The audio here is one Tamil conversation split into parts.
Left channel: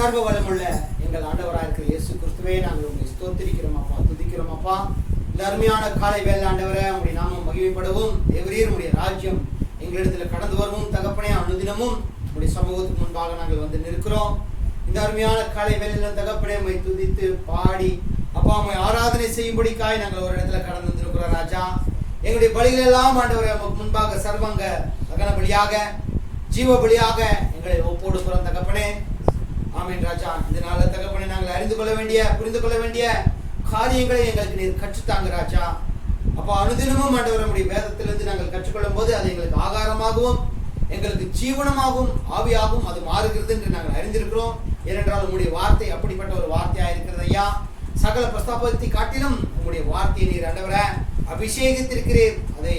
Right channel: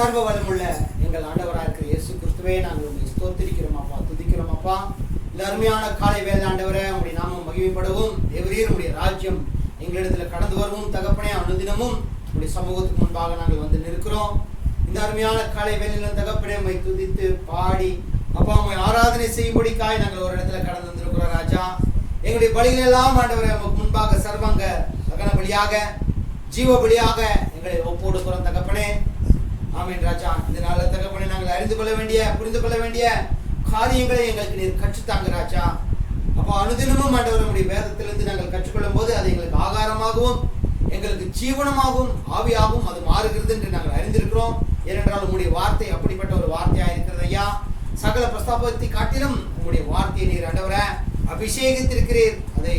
சர்வ வளமுள்ள எங்கள் ஆண்டவராக இருக்கிற இயேசு கிறிஸ்துவே நாங்கள் உங்களை ஸ்தோத்திரிக்கிறோம் அப்பா, துதிக்கிறோம் அப்பா. இந்த அருமையான காலை வேலை ஆண்டவரே, உங்களுடைய நாமம் மகிமைப்படவும், தேவரீர் உடைய ராஜ்யம் எங்களிடத்தில் கடந்து வரவும் தகப்பனே, அனுதினமும் உங்களுடைய சமூகத்துக்கு முன்பாக நாங்கள் வந்து நிற்கிறோம். இந்த அருமையான காலை வேலையில தகப்பனே உம்மை துதித்து பாடி அப்பா உம்மை ஆராதனை செய்யும்படிக்காய் நாங்கள் ஒரு இடத்துல கடந்து வந்திருக்கிறோம் ராஜா. எங்களுடைய பலிகள் எல்லாம் ஆண்டவரே உமக்கு முன்பாக சர்வங்க தகன பலியாக, ஜீவ பலியாக எங்களை ஒப்புடுக்கிறோம் தகப்பனே. ஆமீன் ராஜா. இந்த நாள தகப்பனே, நாங்கள் அறிந்து கொள்ள வேண்டிய, புரிந்து கொள்ள வேண்டிய காரியங்களை எங்களுக்கு நீர் கற்றுத்தாங்க ராஜா. அப்போ அனுதினமும் ஆண்டவர் நம்முடைய வேதத்திலிருந்து நாங்கள் கற்றுக்கொள்ளும் போது அது எங்களுக்கு ஆகாரமாகவும் எங்களுக்கு ஜீவனமாகவும் ஆவியாகவும் அது மாறுகிறது என்று நாங்கள் அறிந்திருக்கிறோம். ஏனென்றால் உங்களுடைய வார்த்தை அப்படிப்பட்ட ஒரு வார்த்தையாக இருக்கிறது ஐயா. சகல பிரஸ்தாபத்தை காட்டிலும் உங்களுடைய வார்த்தையை நீர் ஆண்டவரை அபிஷேகித்திருக்கிறீர், அதை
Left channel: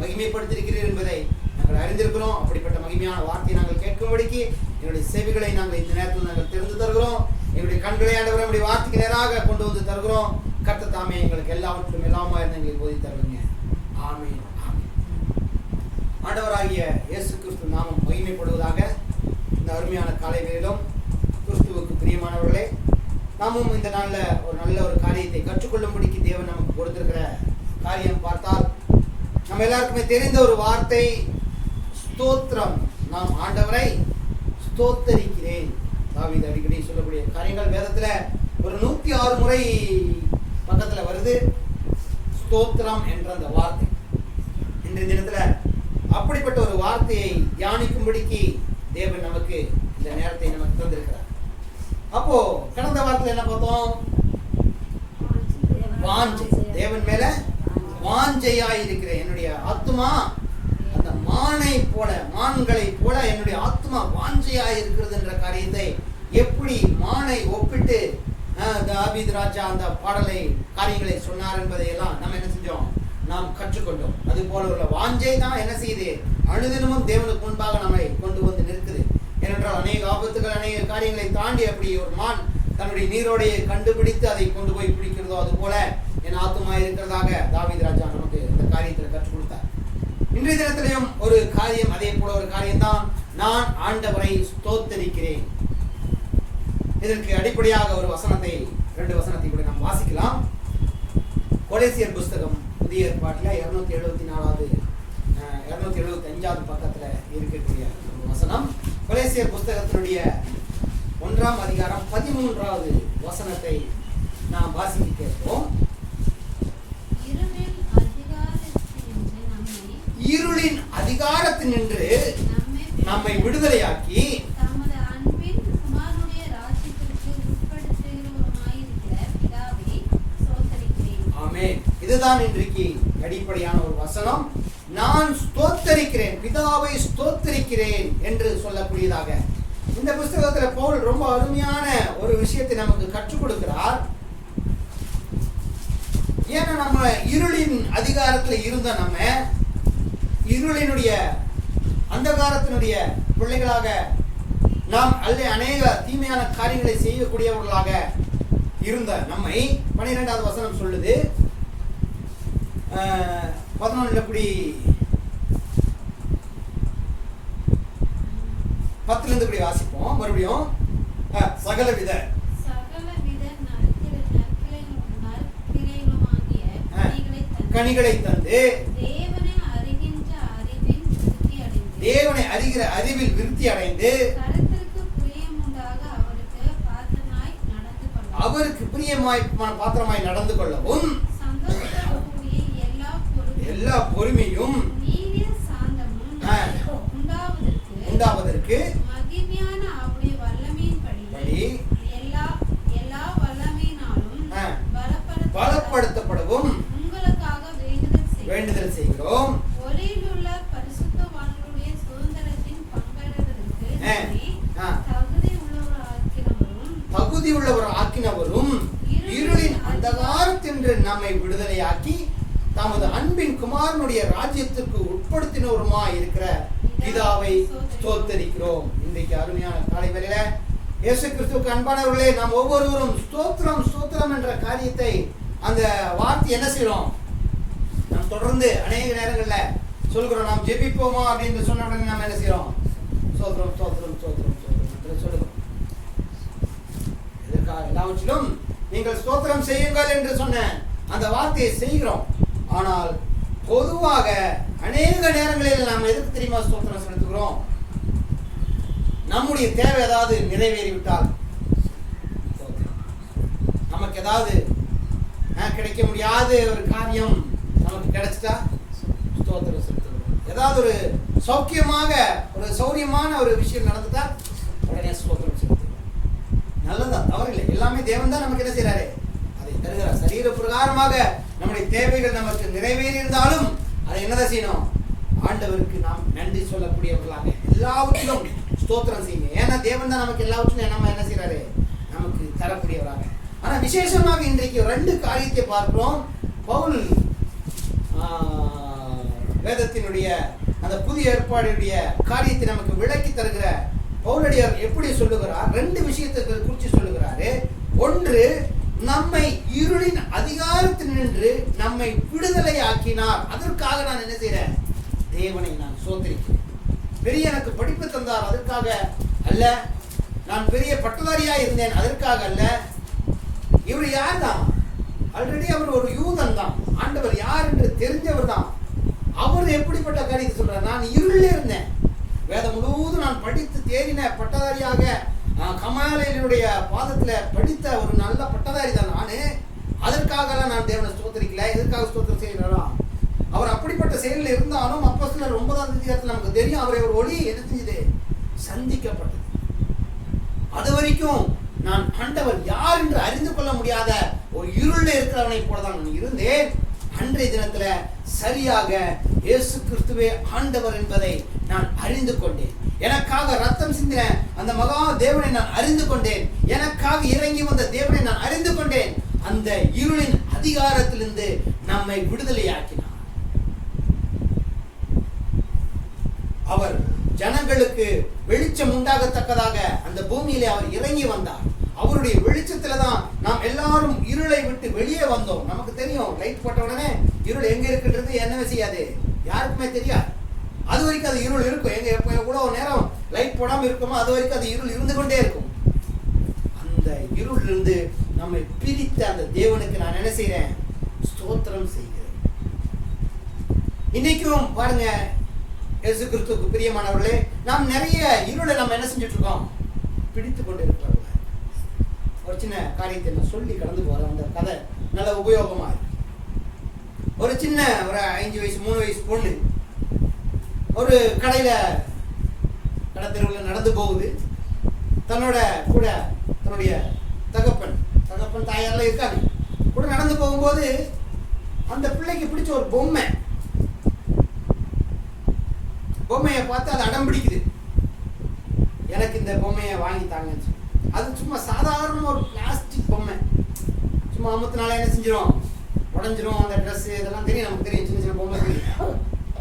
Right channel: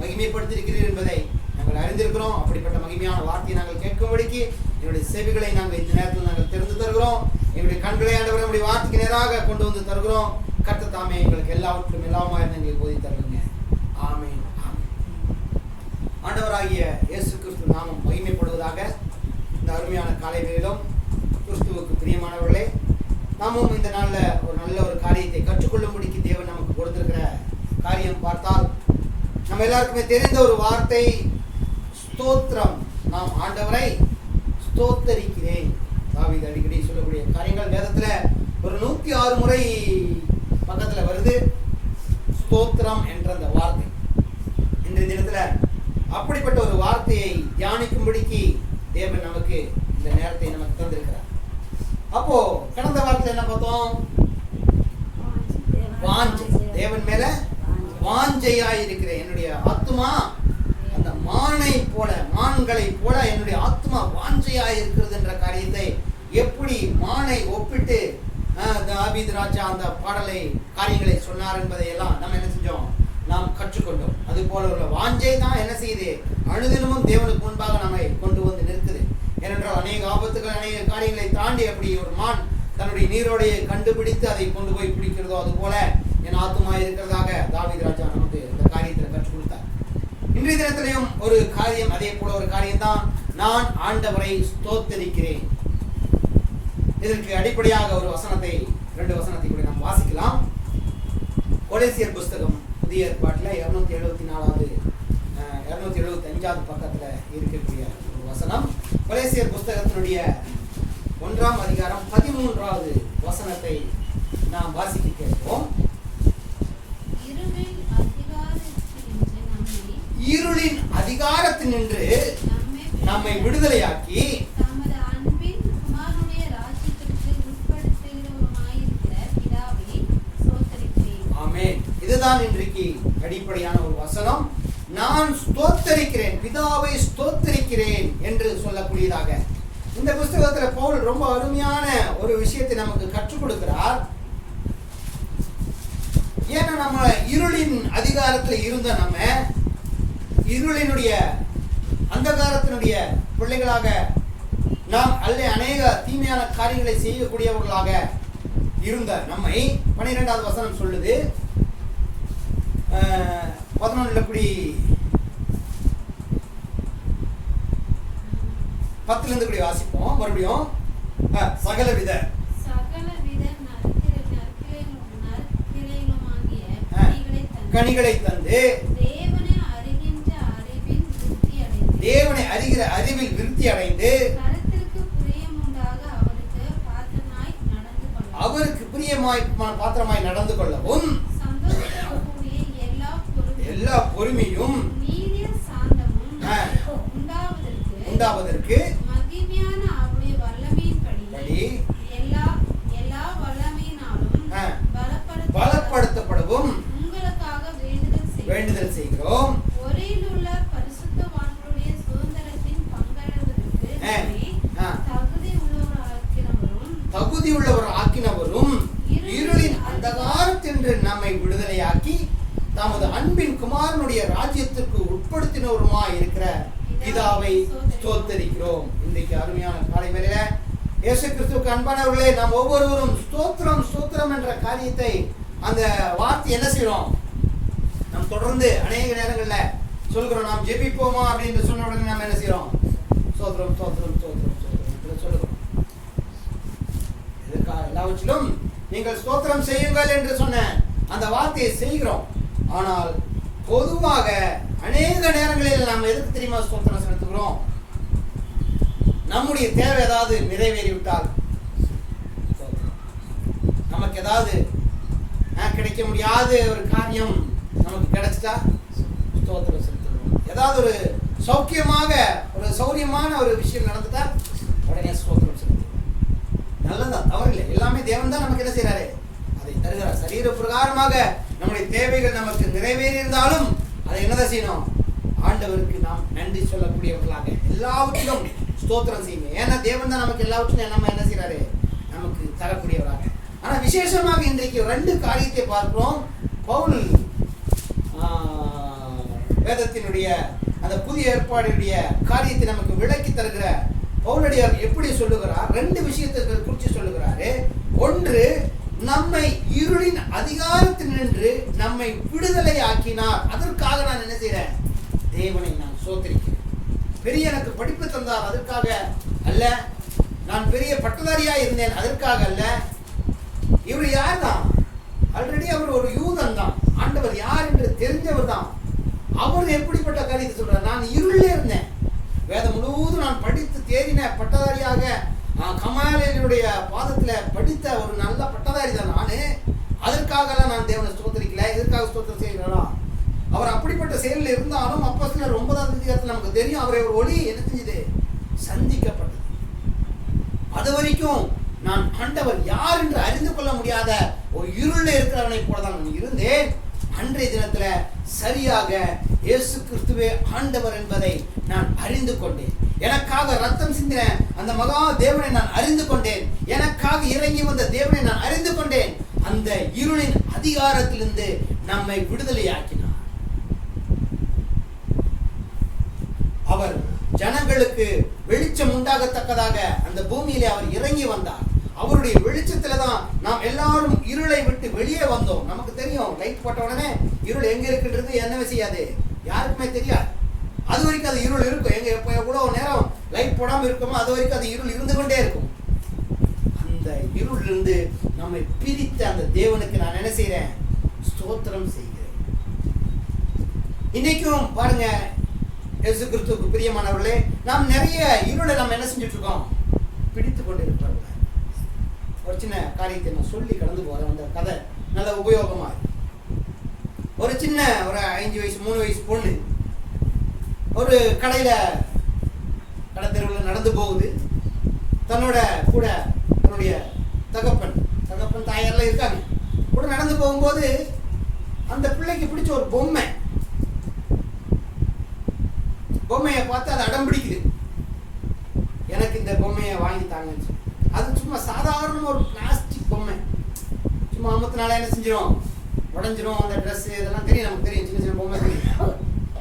மகிமைப்படுத்தியிருக்கிறீர் என்பதை நாங்கள் அறிந்திருக்கிறோம். அப்படிப்பட்ட மகிமையான வார்த்தையை நாங்கள் கேட்கும்படிக்கு என்னுடைய செவிகளை நாங்கள் இந்த நேரத்தில் நாங்கள் திறந்து தருகிறோம். எங்களுடைய கண்களை ஆண்டவரை நம்முடைய வார்த்தைக்கு நேராக கொண்டு வந்து தருகிறோம். கர்த்தர் தாமே எங்களுக்கு எல்லாவற்றும் எல்லாமா இருந்து எங்களுக்கு போதி தருவீங்க. ஆமீன், ஆமீன். ஆண்டவராகிய இயேசு கிறிஸ்து நாமம் மகிமைப்படுவதாக. இந்த அருமையான காலை வேளையிலும் கிறிஸ்துவுக்கு பிரியமானவர்களே, நாமும் இந்த நாளில் ஒரு நல்ல ஒரு காரியத்தை கற்றுக்கொள்ளும்படிக்கு தேவன் நமக்கு கொடுத்திருக்கிற காரியம் பார்த்தால், நம்ம எல்லாருக்குமே தெரிந்த ஒரு வார்த்தை ஸ்தோத்திரம். நாம் ஆண்டவரை ஸ்தோத்தரிக்கிறேன். தாவீது அடிக்கடி சொல்லக்கூடிய காரியங்கள் வேதத்துல ஒரு 106 முறை பக்கத்துல வருது ஸ்தோத்திரம் என்ற அந்த வார்த்தை. இன்றைய தினத்துல அப்படிப்பட்ட ஒரு வார்த்தையை தியானிக்கும்படிக்கு தேவன் நமக்கு இந்த நேரத்தை நமக்கு தந்திருக்கிறார். அப்போ கடந்த வாரத்துல என்ன பார்த்தோம்? வாஞ்சை. தேவன் மேல வாஞ்சையாய் இருக்கிற என்னுடைய ஆத்துமா அந்த மானை போல, மான்களை போல என்னுடைய ஆத்மா வாஞ்சையாய் இருக்கிறது என்ற காரியத்தை எப்படி மானை ஒப்பிட்டு தாவீது ராஜா அந்த பாடலை காரியங்களை சொன்னார் என்பதை எல்லாம் நம்ம என்ன செஞ்சோம்? நாம் கற்றுக்கொண்டோம். அது போல உள்ள வாஞ்சை தான் என்ன செய்யுது? அனுதினமும் தேவனுக்கு முன்பாக நம்மை கொண்டு வந்து நிற்குது. ஏனென்றால் அநேக ஆபத்துகள், அநேக காரியங்களை தாண்டி அப்படி ஒரு மான் தன்னுடைய நீரோடையை கண்டுபிடித்து அதை கொண்டு போய் பிடிக்கிறதோ அது போல என் ஆத்துமா இருக்கிறதாக தாவீது ராஜா நமக்கு இந்த காரியத்தில் கற்றுக் கொடுத்தார். இன்றைய தினத்திலையும் ஒரு காரியம், அதே போல ஒரு காரியம் தான், நான் ஆண்டவரை ஸ்தோத்தரிக்கிறேன். இதற்கு அடிப்படையாக ஒரு வசனத்தை, 2 வசனத்தை கூட நாம் வாசிக்கலாம். கொலேசியர் புஸ்தகம் புதிய ஏற்பாட்டில் 275வது பக்கத்துல இருக்கக்கூடிய ஒரு வசனம். கொலேசியர் புஸ்தகத்தினுடைய 1ஆம் அதிகாரம் 13வது வசனத்தை நாம் வாசிக்க கேட்போம். இருளின் அதிகாரத்தினின்று நம்மை விடுதலையாக்கி ஆமென். இதுதான் இன்றைக்கு அடிப்படையான ஒரு வசனம். நான் ஸ்தோத்தரிக்கிறேன், பிதாவை ஸ்தோத்தரிக்கிறேன் என்று சொல்லக்கூடியதாக இந்த புஸ்தகத்துல பவுல் ரொம்ப அருமையான ஒரு விஷயத்தை நமக்கு கற்றுக் கொடுக்கிறார். ஏன்னா நம்ம இருளின் அதிகாரத்துல இருந்த நம்ம இருளினுடைய அந்தகாரத்தினுடைய பிள்ளைகளாக நாம் அநேக தீமையான காரியங்களை செய்யக்கூடியவர்களாக இருந்த நம்மை 12வது வசனம் சொல்லுது. 11 இப்படி 10 இருந்து இப்படி வாசிப்போம் மறுபடியும். சகலவித கனிகளை தந்து தேவனை அறிகிற அறிவில் விருத்தி அடைந்து அவருக்கு பிரியமாய் பாத்திரமாய் நடந்து கொள்ளவும் எல்லா பொறுமையும் உண்டாவதற்கு பலப்படுத்தப்படவும் வேண்டுதல் செய்கிறோம். தகுதி உள்ளவர் ஆக்கினவரும் இருளின் அந்தகாரத்தின்று நம்மை விடுதலையாக்கி தமது அன்பின் குமாரனுடைய ராஜ்யத்திற்கு உட்படுத்தினவருமாய் இருக்கிற பிதாவை ஸ்தோத்தரிக்கிறோம். இன்றைக்கு அருமையான காலை வேளையில இயேசு கிறிஸ்துவுக்கு அன்பானவர்களே, நாம் ஒவ்வொருவரும் ஸ்தோத்திரம் ஸ்தோத்திரம் என்ற காரியத்தை, அந்த வார்த்தை என்ன செய்யறோம்? நாம் தொடர்ந்து அநேக நேரங்கள்ல சொல்கிறோம். நாம் ஜெபிப்போமா அப்படின்னு சொன்ன உடனே நாம் என்ன செய்யறோம்? ஸ்தோத்திரம் ஸ்தோத்திரம் ஸ்தோத்திரம் ஸ்தோத்திரம் சொல்லுகிறோம். எல்லாவற்றிலும் நீங்கள் ஸ்தோத்திரம் செய்யுங்கள் என்று சொன்ன அந்த வார்த்தையை செய்கிறோம். ஆனால் பொதுவாக அநேக நேரங்களில் நாம் எதுக்கு தெரியுமா ஸ்தோத்திரம் செலுத்துகிறோம்? நம்முடைய தேவை ஏதாவது நிறைவேறிவிட்டால், நமக்கு ஏதாவது கிடைக்க முடியாத ஒரு காரியம் நமக்கு கிடைச்சிட்டா ஸ்தோத்திரம் செலுத்துகிறோம். ஏதாவது ஒரு சௌக்கியமாக ஒரு சௌரியமான ஒரு விஷயம் நடந்துட்டா உடனே ஸ்தோத்திரம் செலுத்துகிறோம். நல்லதா, தவறில்லை. எல்லாமே தேவன் தான் நமக்கு என்ன செய்யறாரு, அதை தருகிறார். சரீர பிரகாரமாக நம்முடைய தேவைகள் நமக்கு நிறைவேறி இருந்தாலும் அதை என்னதான் செய்யணும்? ஆண்டவருக்கு நாம் நன்றி சொல்லக்கூடியவர்களாக எல்லாவற்றிலும் ஸ்தோத்திரம் செய்யுங்க. ஏன்னா தேவன் தான் நமக்கு எல்லாவற்றிலும் நம்ம என்ன செய்யறாரு, நமக்கு தரக்கூடியவராக. ஆனா விசேஷமாக இன்றைக்கு 2 காரியத்தை பார்க்கிறோம். பவுல் வேதத்தினுடைய அந்த புதிய ஏற்பாடுடைய காரியத்தை நமக்கு விளக்கி தருகிற பவுலடியார் எப்படி சொல்லுகிறார்? 2 விஷயத்தை குறித்து சொல்லுகிறாரு. ஒன்று, நம்மை இருளின் அதிகாரத்தில் நின்று நம்மை விடுதலை ஆக்கினார். அதற்காக நான் என்ன செய்றேன்? தேவனை நான் ஸ்தோத்திரிக்கிறேன். பெரிய எனக்கு படிப்பு தந்தார், அதற்காக அல்ல. நான் பெரிய பட்டதாரியா இருந்தேன், அதற்காக அல்ல. இவர் யார் தான்? ஆல்ரெடி அவர் ஒரு யூதன் தான். ஆண்டவர் யார் என்று தெரிஞ்சவர் தான். அவர் எப்படிப்பட்ட காரியத்தை சொல்றார்? நான் இருளே இருந்தேன், வேதம் முழுவதும் நான் படித்து தேறின பட்டதாரியாக கமாலினுடைய பாதத்துல படித்த ஒரு நல்ல பட்டதாரி தான் நானு. அதற்காக நான் தேவனை ஸ்தோத்திரிக்கல. எதற்காக ஸ்தோத்திரம் செய்யலாம்? அவர் அப்படிப்பட்ட செயலில் இருந்தாலும் அப்போஸ்தலர் 9ஆம் அதிகாரத்தில் நமக்கு தெரியும், அவரை ஒரு ஒளி என்ன செஞ்சது? சந்திக்கப்பட்டது. அது வரைக்கும் நான் ஆண்டவர் யார் என்று அறிந்து கொள்ள முடியாத ஒரு இருளில் இருக்கிறவனை போலதான் நான் இருந்தேன். அன்றைய தினத்துல சரியாக இயேசு கிறிஸ்துவே ஆண்டவர் என்பதை நான் அறிந்து கொண்டேன். எனக்காக ரத்தம் சிந்தின அந்த மகா தேவனை நான் அறிந்து கொண்டேன். எனக்காக இறங்கி வந்த தேவனை நான் அறிந்து கொண்டேன். அந்த இருளின் அதிகாரத்திலிருந்து நம்மை விடுதலையாக்கினார். அவர் ஜனங்களுக்கு வெளிச்சம் உண்டாகத்தக்கதாக அந்த பூமியிலே அவர் இறங்கி வந்தார். அவருடைய வெளிச்சத்துல தான் நாம் எல்லாரும் இருளை விட்டு வெளியே வந்தோம். நமக்கு தெரியும், லைட் போட்ட உடனே இருள் எங்க இருக்குன்றது என்னவே செய்யாது, யாருக்குமே தெரியாது. அது வரைக்கும் அது இருள் இருக்கும். எங்க எப்போ எவ்வளவு நேரம் லைட் போடாம இருக்குமோ அது வரைக்கும் அது இருள் இருந்து கொண்டே இருக்கும். அந்த இருள் இருந்து நம்மை பிரித்த அந்த தேவனுக்கு நான் என்ன செய்றேன்? ஸ்தோத்திரம் செய்கிறேன். இன்னைக்கும் பாருங்க, இயேசு கிறிஸ்துவுக்கு பிரியமானவர்களே, நாம் நிறைய இருளை நம்ம என்ன செஞ்சுட்டு இருக்கோம்? பிடித்து கொண்டு இருக்கிறோம். ஒரு சின்ன காரியத்தை நான் சொல்லி கடந்து போறேன். அந்த கதை நல்ல உபயோகமா இருக்கு. ஒரு சின்ன ஒரு 5 வயசு 3 வயசு பொண்ணு ஒரு கடத்தெருவில் நடந்து போகுது. தன்னோட கூட தன்னுடைய தகப்பன் தாயாரெல்லாம் இருக்காங்க. கூட நடந்து போகும்போது அந்த பிள்ளைக்கு பிடிச்ச ஒரு பொம்மையை பார்த்து அது அடம் பிடிக்குது. எனக்கு இந்த பொம்மையை வாங்கி தாங்கன்னு சொல்லி. அது சும்மா சாதாரண ஒரு பிளாஸ்டிக் பொம்மை. சும்மா அமத்தினால என்ன செஞ்சிடும்? உடஞ்சிரும். அந்த ட்ரெஸ் இதெல்லாம் தெரியும், நமக்கு தெரியும். சின்ன சின்ன பொம்மை தெரியும்.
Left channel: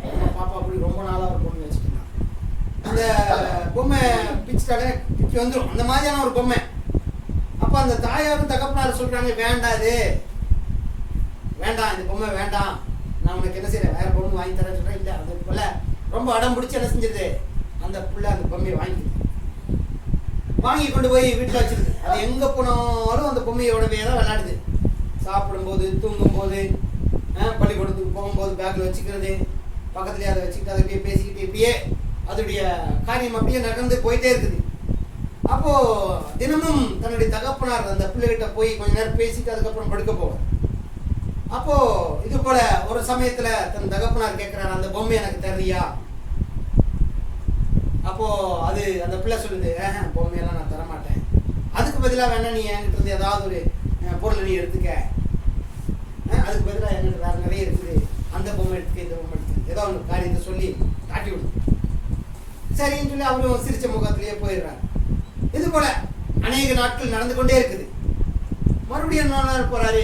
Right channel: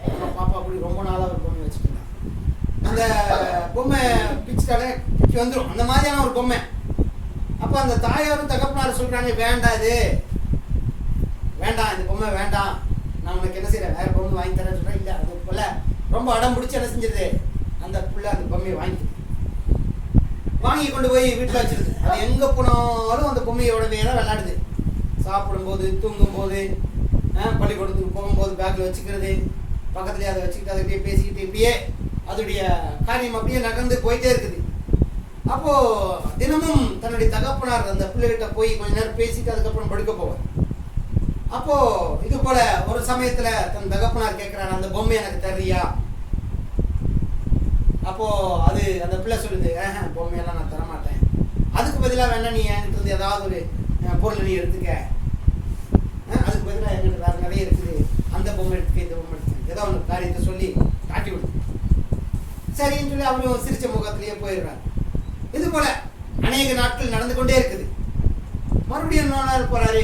நம்ம பாப்பா அப்படி ரொம்ப நாளாக ஒரு பொம்மை வச்சுட்டு இருந்தாங்க. அந்த பொம்மை பிச்சுட்டாலே பிச்சு வந்துடும். அந்த மாதிரியான ஒரு பொம்மை. அப்போ அந்த தாயாரும் தகப்பனாரும் சொல்றாங்க, வேண்டாம், இது வேண்டாம், இந்த பொம்மை வேண்டாம், நான் உனக்கு என்ன செய்யறேன், வேற பொம்மை வாங்கி தரேன்னு சொல்றேன். இல்லை, அது போல ரொம்ப அடம் பிடிச்சி என்ன செஞ்சது? அந்த பிள்ளை அந்த பொம்மையை வாங்கி கொண்டு போய் வீட்டில் வச்சிருக்கு. அது எங்க போனாலும் அந்த பொம்மையோடவே தான் விளையாடுது. சாப்பிடும்போது, தூங்கும்போது, பள்ளிக்கூடத்துக்கு போகும்போது பேக்கில் வச்சுக்கிறது, பக்கத்துலேயே அதை வச்சுக்கிட்டு அதை அப்படியே பேசிக்கிட்டு இப்படியே அதோடைய காரியம் அப்படியே நடந்து போயிட்டே இருக்குது. அப்போ தினமும் தன்னுடைய தகப்பனார் அந்த பிள்ளைகிட்ட போய் கொஞ்ச நேரம் பேசிட்டு அதுக்கப்புறம் படுக்க போவார். அப்போ இது போல ஒரு சமயத்துல தன் தகப்பனார் கேட்கிறார், அந்த பொம்மை எனக்கு தர்றியா? அப்போ அது அந்த பிள்ளை சொல்லுது, பொம்மையெல்லாம் நான் தரமாட்டேன், அதுக்கு பதிலாக வேணா நீ என்கிட்ட இருந்து ஏதாவது ஒரு பொருளை நீ எடுத்துக்க, அதுக்கு பதிலாக என்கிட்ட வேற நிறைய இருக்குது, அந்த பொம்மை எடுத்துக்க, இந்த பொம்மை எடுத்துக்க, ஏதோ ஒரு காரியத்தை சொல்லி காட்டி விடு. சரின்னு சொல்லி அவரும் சிரிச்ச முகத்திலேயே போயிடுறாரு. இது போல அநேக நாட்கள் நடந்து கொண்டே இருக்குது. மறுபடியும் இன்னொரு நாள் போறாரு,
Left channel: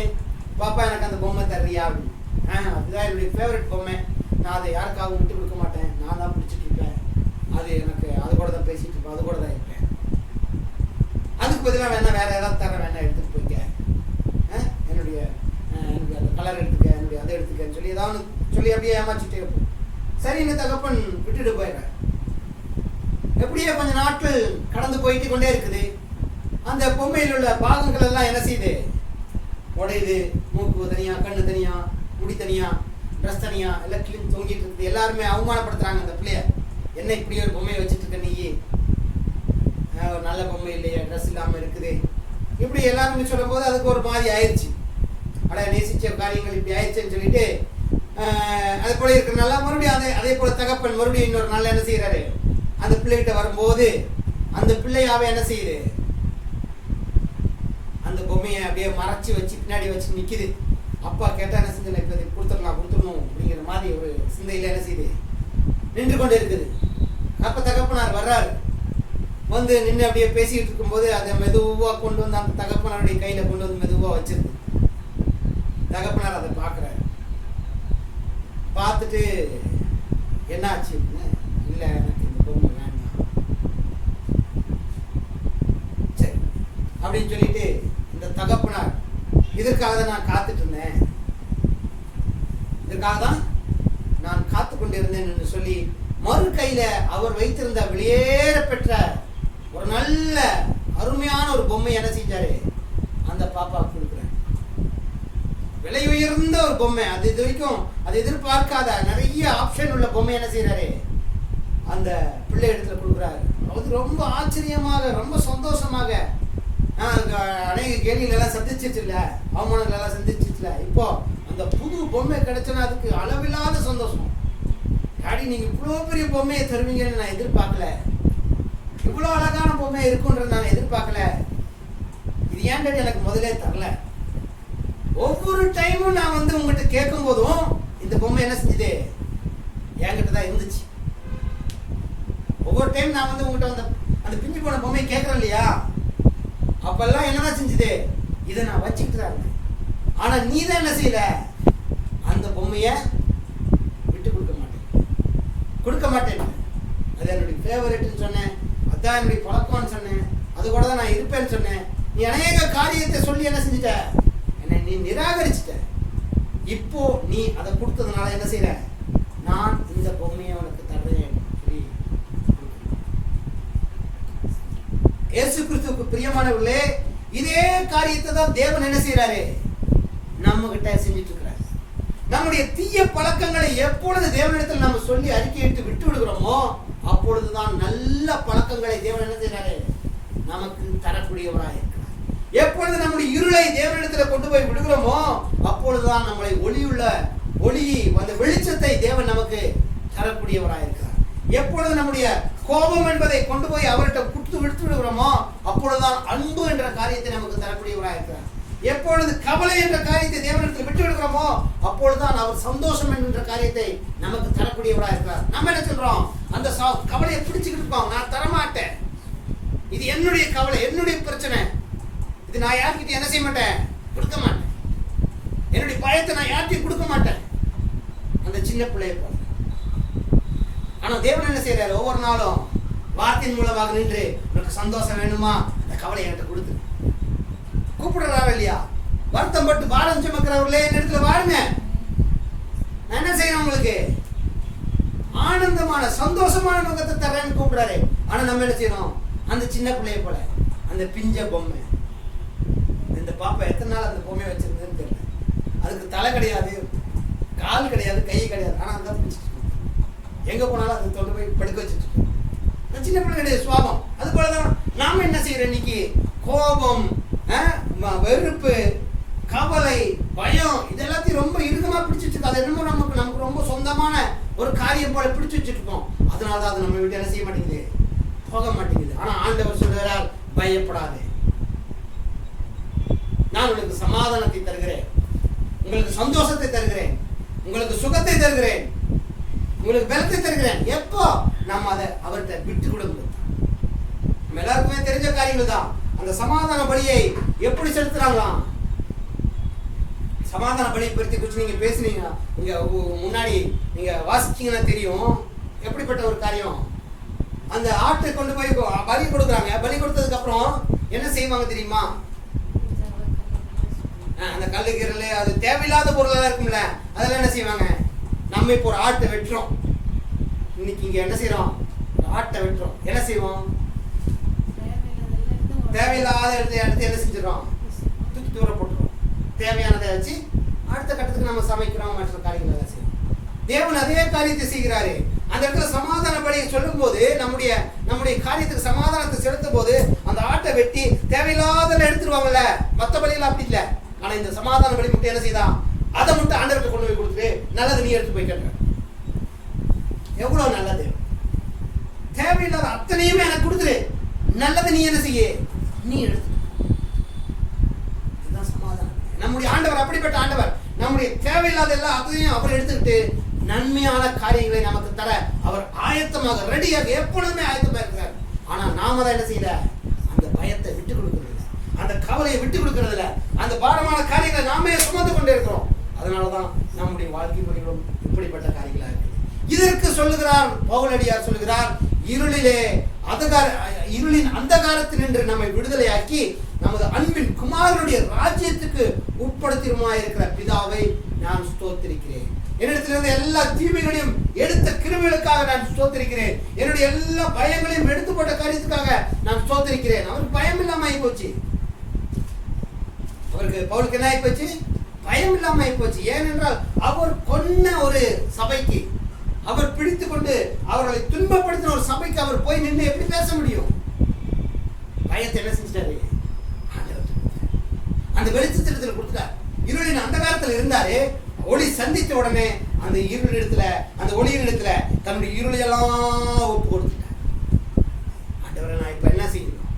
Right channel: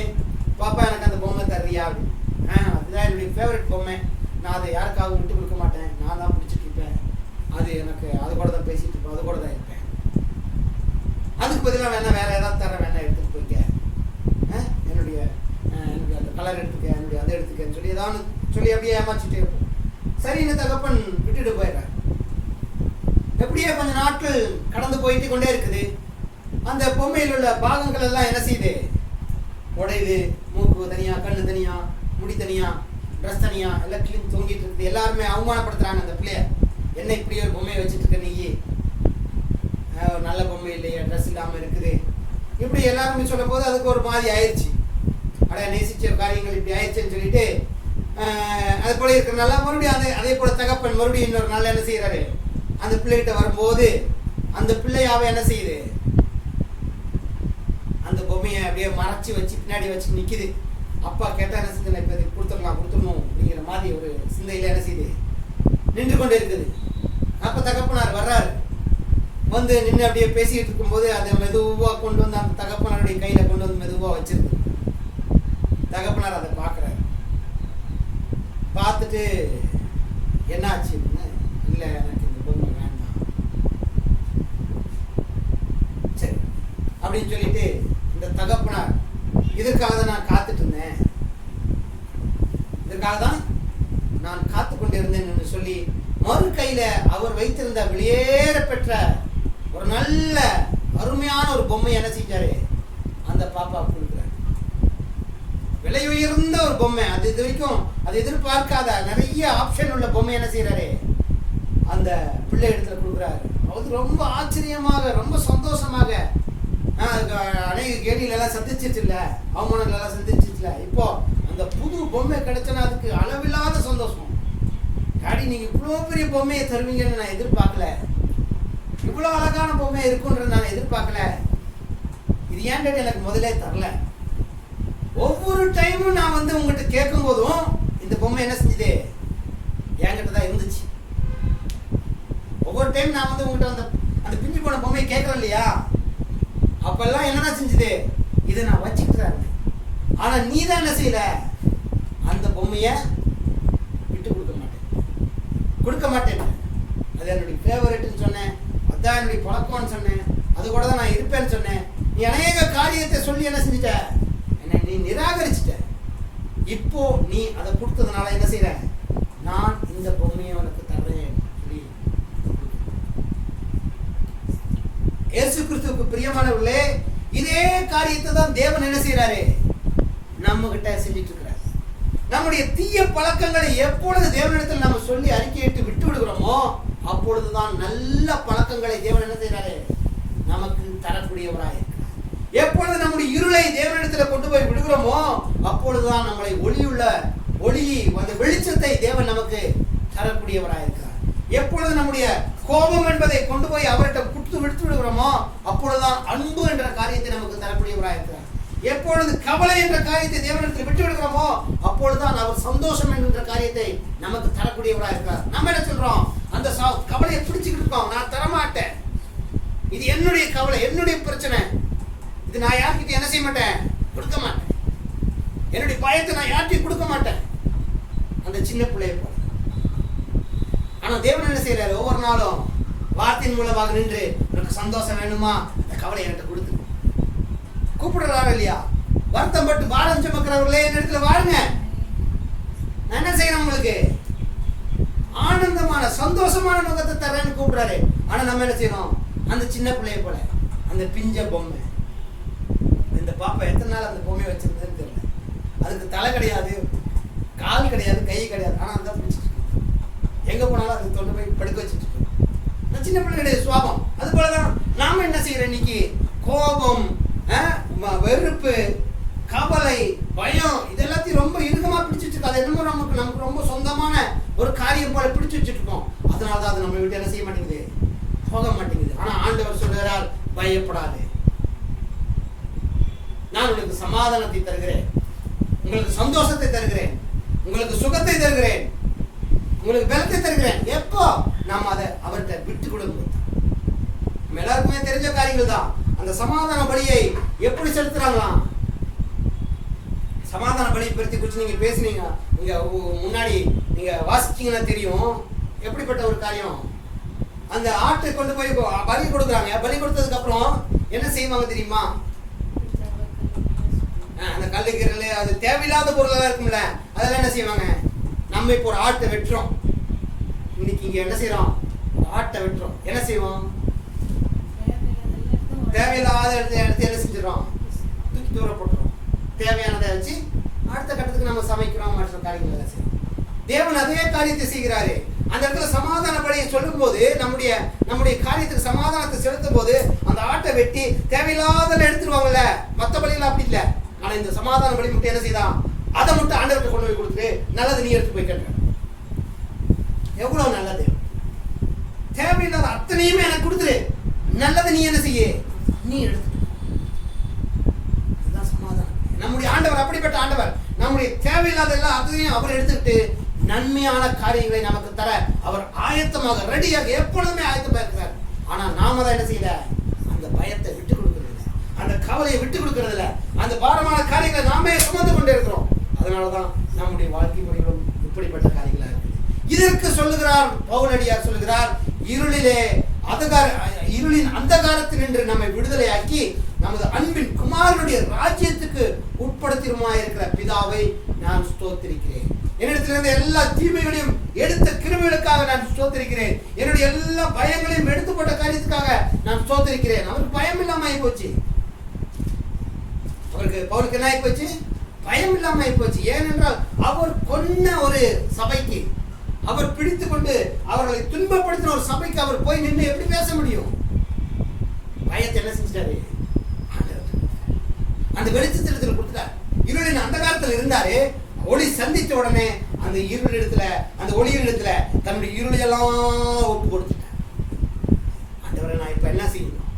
பாப்பா எனக்கு அந்த பொம்மை தர்றியா அப்படின்னு. அதுதான் என்னுடைய ஃபேவரட் பொம்மை, நான் அதை யாருக்காகவும் விட்டு கொடுக்க மாட்டேன், நான் தான் பிடிச்சிட்டு இருப்பேன், அது எனக்கு அது கூட தான் பேசிட்டு இருப்பேன், அது கூட தான் இருப்பேன், அதுக்கு பதிலாக வேணா வேற ஏதாவது தர வேணா எடுத்துட்டு போய்க்க, என்னுடைய அந்த கலர் எடுத்துக்க, என்னுடைய அதை எடுத்துக்கன்னு சொல்லி ஏதாவது சொல்லி அப்படியே ஏமாச்சிட்டே இருப்போம். சரின்னு தகப்பன் விட்டுட்டு போயிடுறேன். எப்படியே கொஞ்சம் நாட்கள் கடந்து போயிட்டு கொண்டே இருக்குது. அந்த பொம்மையில் உள்ள பாகங்கள் எல்லாம் என்ன செய்யுது? உடையுது. மூக்கு தனியா, கண்ணு தனியா, முடி தனியா, ட்ரெஸ் தனியா, எல்லாம் கிளீன் தொங்கிட்டு இருக்குது. எல்லாருமே அவமானப்படுத்துறாங்க அந்த பிள்ளைய. என்ன இப்படி ஒரு பொம்மையை வச்சுட்டு இருக்க நீ? நல்ல பொம்மை இல்லையா, ட்ரெஸ் இல்லாமல் இருக்குது, இப்படி எல்லாருமே சொல்லும் போது அதுக்கு ஒரு மாதிரி ஆயிடுச்சு. நேசிச்ச காரியங்கள் இப்படி ஆயிடுச்சுன்னு சொல்லிட்டு அது போல இருக்கிறனால மறுபடியும் அதே போல தகப்பன் மறுபடியும் இன்னொரு நாள் என்ன செய்யறாரு? அந்த பிள்ளைகிட்ட வரும்போது அந்த பிள்ளையாவே என்ன செய்யுது? அந்த பொம்மையை அப்படியே மறைச்சி வச்சு பின்னாடி வச்சு நிக்குது. அப்பா கேட்டா என்ன செஞ்சு இப்ப கொடுத்துடணும் அப்படிங்கிற மாதிரி ஒரு சிந்தையில என்ன செய்யுது? நின்று கொண்டு இருக்குது. அப்ப தகப்பனார் வர்றாரு. வந்து நின்று அப்படியே பேசிட்டு இருக்கும்போது அதை மெதுவா கொண்டு வந்து அந்த தகப்பனாருடைய கையில கொண்டு வந்து மெதுவா வச்சிருக்கு. தகப்பனார் அதை பார்க்குறாரு. பார்த்துட்டு என்ன ஆச்சு? இல்லை, எனக்கு இந்த பொம்மை வேண்டாம், சரி அப்படின்னு சொல்லிட்டு இந்த தகப்பனார், இதற்காக தான் நான் காத்துட்டு இருந்தேன், இதற்காக தான் நான் காத்து கொண்டிருந்தேன் என்று சொல்லி மறு கையில அவர் வைத்திருந்த வெளியேற பெற்ற ஒரு நல்ல அருமையான ஒரு பொம்மை என்ன செஞ்சாரு? அந்த பாப்பா கொடுக்குறாரு. விலை உயர்ந்த ஒரு பொம்மை. அது இது வரைக்கும் அது எதிர்பார்க்காத நிறைய ஆப்ஷன் உள்ள பொம்மை என்ன செய்யறாரு? அந்த பிள்ளை இடத்துல கொடுக்குறாரு. அது ரொம்ப ஆச்சரியமாக, ரொம்ப சந்தோஷமாக, அநேக கேள்விகள் எல்லாம் சந்திச்சிச்சுல, அவமானங்கள் எல்லாம் சந்திச்சிச்சுல, இப்போ அந்த புது பொம்மை கிடைச்சனா அதுக்கு அளவில்லாத சந்தோஷம். டாடி, நீங்க இவ்வளோ பெரிய பொம்மையை தருவீங்கன்னு நான் எதிர்பார்க்கல, இவ்வளோ அழகான பொம்மை இருக்குன்றது நான் எதிர்பார்க்கல, இது ஏன் டாடி எனக்கு முதலே தரல? ஒவ்வொரு டைமும் நான் வந்து உங்ககிட்ட கேட்கும் போதும் இந்த பொம்மை என்ன செஞ்சது? என்கிட்ட தான் இருந்துச்சு. ஒவ்வொரு டைம் நான் வந்து உங்ககிட்ட அந்த பிஞ்சு போன பொம்மையை கேட்கறேன் இல்லையா, அப்பெல்லாம் என்னதான் செஞ்சது? இதை நான் வச்சுக்கிட்டு தான் இருந்தேன். ஆனா நீ தான் என்ன செய்யல? அந்த பொம்மைய விட்டு கொடுக்க மாட்டேன். அது என்னுடைய ஃபேவரட்னு சொன்னேன், அதான் என்னுடைய பழக்கம்னு சொன்னேன், அது கூட தான் நான் இருப்பேன்னு சொன்னேன். நீ அநேக காரியத்தை சொல்லி என்ன செஞ்சிட்ட? என்னை நீ நிராகரிச்சிட்ட. இப்போ நீ அதை கொடுத்ததுனால என்ன செய்யற? நான் இந்த பொம்மையை உனக்கு தர்றேன். இயேசு கிறிஸ்துவுக்கு பிரியமானவர்களே, இதே காரியத்தை தான் தேவன் என்ன செய்யறாரு? நம்ம கிட்ட செஞ்சிட்டு இருக்கிறார். நம்முடைய தீய பழக்கங்களை எப்பொழுது தேவனிடத்தில் நம்ம சொல்லி அறிக்கையிட்டு விட்டு விடுகிறோமோ அப்பொழுதுதான் நல்ல பழக்கங்களை தேவன் என்ன செய்யறாரு? நமக்கு தரக்கூடியவராக இருக்கிறார். எப்பொழுது நம்முடைய இருளை தேவனிடத்தில் கொண்டு போய் விடுகிறோமோ அப்பொழுதுதான் நம்மளை ஒளி அந்த வெளிச்சத்தை தேவன் நமக்கு தரக்கூடியவராக இருக்கிறார். எப்பொழுது நம்முடைய கோபம் என்பதை கொண்டு போய் அவர்கிட்ட விடுத்து விடுகிறோமோ அப்பொழுதுதான் அன்பு என்ற காரியத்தை நமக்கு தரக்கூடியவராக இருக்கிறார். எப்பொழுது கவலை என்ற காரியத்தை தேவனிடத்தில் விட்டு விடுகிறோமோ அப்பொழுதுதான் அவர் சந்தோஷம் என்ற காரியத்தை நமக்கு தரக்கூடியவராக இருக்கிறார். நம்ம என்ன சொல்றோம்? அந்த கவலையை பிடிச்சுக்கிட்டு இருக்கோம். நான் தரமாட்டேன், இது என்னுடைய கவலை, என்னுடைய பிரச்சனை, இது நான் யார்கிட்ட என்ன செய்ய மாட்டேன்? கொடுக்க மாட்டேன். என்னுடைய பயத்தை நான் யார்கிட்டையும் கொடுக்க மாட்டேன். அந்த சின்ன பிள்ளையை போல. ஆனா தேவன் என்ன செய்யறாரு? ஒவ்வொரு நாளும் வார்த்தையின் மூலமாக நின்று, உனக்கு சந்தோஷம் வேணுமா? அந்த கவலை என்கிட்ட கொடுத்து கூப்பிடுறாரு இல்லையா? வருத்தம் பட்டு பாரம் சுமக்கிறவர்களே என் இடத்துல வாருங்க, நான் என்ன செய்யணும்? உங்களுக்கு ஆனந்தமான சந்தோஷமான முகத்தை தர்றேன்னு கூப்பிடுறாரு. ஆனா நம்ம என்ன செய்யறோம்? அந்த சின்ன பிள்ளைய போல, அந்த பிஞ்ச பொம்மை. இந்த பாப்பா எத்தனை நாள் அந்த பொம்மையை வச்சிருந்ததுன்னு தெரியல. அதுக்கு தலை கிடையாது, கால் கிடையாது, கை கிடையாது, ஆனா அந்த பிடிச்சிட்டு எங்க போனாலும் அதை தொண்டு போய் படுக்க வச்சுட்டு இருக்கோம். சின்ன பிள்ளைகளுடைய சுவாபம். அது போலதான் நாம என்ன செய்யறோம்? இன்னைக்கு கோபம், வெறுப்பு, கவலை, பயம், இதெல்லாத்தையும் ரொம்ப இறுக்கமா பிடிச்சிட்டு இருக்கோம். அது என்னமோ நமக்கு ரொம்ப சொந்தமான ஒரு காரியம் போல பிடிச்சு வச்சுட்டு இருக்கோம். அதனாலதான் அது நம்ம விட்டு என்ன செய்ய மாட்டேங்குது? போக மாட்டேங்குது. ஆனா ஆண்டவர் சொல்றார், பயப்படாது, நான் உங்களுக்கு சமாதானத்தை தருகிறேன், உங்களுக்கு சந்தோஷத்தை தருகிறேன், உங்களுக்கு சுகத்தை தருகிறேன், உங்களுக்கு பலத்தை தருகிறேன். எப்போ நம்ம அதை அவர்கிட்ட விட்டு கொடுக்கும். நம்ம எல்லாருக்குமே தெரிஞ்ச காரியங்கள் தான். அந்த சமாதான பலியை எப்படி செலுத்துறாங்களாம்? சமாதான பலியை பற்றி குறித்து நீங்க பேசுனீங்க, நீங்க முன்னாடி நீங்க வாசிச்சீங்கன்னா தெரியும் எப்படிப்பட்ட ஒரு காரியம். அந்த ஆட்டை கொண்டு போய் பலி கொடுக்குறாங்க. பலி கொடுத்ததுக்கு அப்புறம் என்ன செய்வாங்க தெரியுமா? அந்த கல்லுக்கீரல், அது தேவையில்லாத பொருளெல்லாம் இருக்கும்ல, அதெல்லாம் என்ன செய்வாங்க? நம்ம இப்போ ஒரு ஆட்டை வெட்டுறோம். இன்னைக்கு இங்க என்ன செய்யறோம்? ஒரு ஆட்டை வெட்டுறோம். என்ன செய்வோம்? தேவையில்லாத எடுத்து என்ன செஞ்சிடறோம், தூக்கி தூர போட்டுறோம். தேவையானதை வச்சு அடுத்த கட்டத்துக்கு நம்ம சமைக்கிறோம், மற்ற காரியங்களை செய்யறோம். தேவன் அதே காரியத்தை செய்கிறாரு. அந்த இடத்துல சமாதான பலியை சொல்லும் போது நம்முடைய காரியத்துக்கு சமாதானத்தை செலுத்தும் போது அந்த ஆட்டை வெட்டி தேவையில்லாத எடுத்துருவாங்கல்ல. மற்ற பலிகள் அப்படி இல்லை. ஆனா இந்த சமாதான பலி மட்டும் என்ன செய்தான், அதை மட்டும் ஆண்டவர்கிட்ட கொண்டு போய் கொடுத்துட்டு நல்லது நீ எடுத்து போய் கேட்க. எவ்வளவு நல்லது. தேவையில்லாத அத்தனையுமே எனக்கு கொடுத்துரு, நல்லதை நீ என்ன செய்ய, நீ எடுத்து. இதுதான் சமாதானம். நம்முடைய ஆண்டவர் அப்படிப்பட்ட ஆண்டவர். நம்முடைய தேவையில்லாத எல்லா அத்தனையும் அவர் எடுத்துக்கிட்டு நன்மையான காரியங்களை நமக்கு தர அவர் ஆயத்தமாக, ரெடியாக, எப்பொழுதுமே ஆயத்தமாக இருக்கிறார். ஆனா நாம தான் என்ன செய்யல, அந்த பயத்தை விட்டு கொடுக்கறது இல்லை, அந்த கவலையை விட்டு கொடுக்கறது இல்லை, அந்த பாரமான காரியங்களை நாமே சுமந்து கொண்டே இருக்கிறோம். அதனாலதான் நம்முடைய வாழ்க்கை முறைகளும் இப்படிப்பட்ட காரியங்களா இருக்கு. இதற்கு சொல்லுகிறார் பவுலடியார், சொல்லுகிறார், இருளின் அந்தகாரத்தினின்று நம்மை விடுதலையாக்கி நமது அன்பின் குமாரனுடைய ராஜ்யத்துக்கு உட்படுத்திருமாயிருக்கிற பிதாவை நான் ஸ்தோத்திரிக்கிறேன். என்னிடத்திலிருந்து எல்லா தீமைகளையும் எடுத்த கிருபைகளுக்காக நான் ஸ்தோத்திரிக்கிறேன். என்னுடைய எல்லா பயங்களையும் எடுத்து போட்ட காரியத்துக்காக நான் ஸ்தோத்திரிக்கிறேன். அவருக்கு பயம் இல்லாம ஆகி போச்சு. பவுலுக்கு என்ன ஆகி போச்சு, பயம் இல்லாம ஆகி போச்சு. ஏனென்றால் அவர் கொன்ன ஒரு சபைக்கு, அவர் பிடித்து கொண்டு அவர்களை துன்பப்படுத்தின ஒரு சபைக்கு அவர் போய் நின்று எப்படி பேச முடியும்? பயத்தை என்ன செஞ்சிட்டாரு, அந்த வெளிச்சத்தில் கொடுத்துட்டார். இருளின் அந்த காலத்தில் இருந்தாரு, ஒளி சந்தித்த உடனே அந்த இருளிடத்துல, அந்த ஒளியிடத்துல தன்னுடைய இருளையெல்லாம் ஒப்பு கொடுத்துட்டார். ஆண்டவரை நான் இப்ப என்ன செய்யணும்,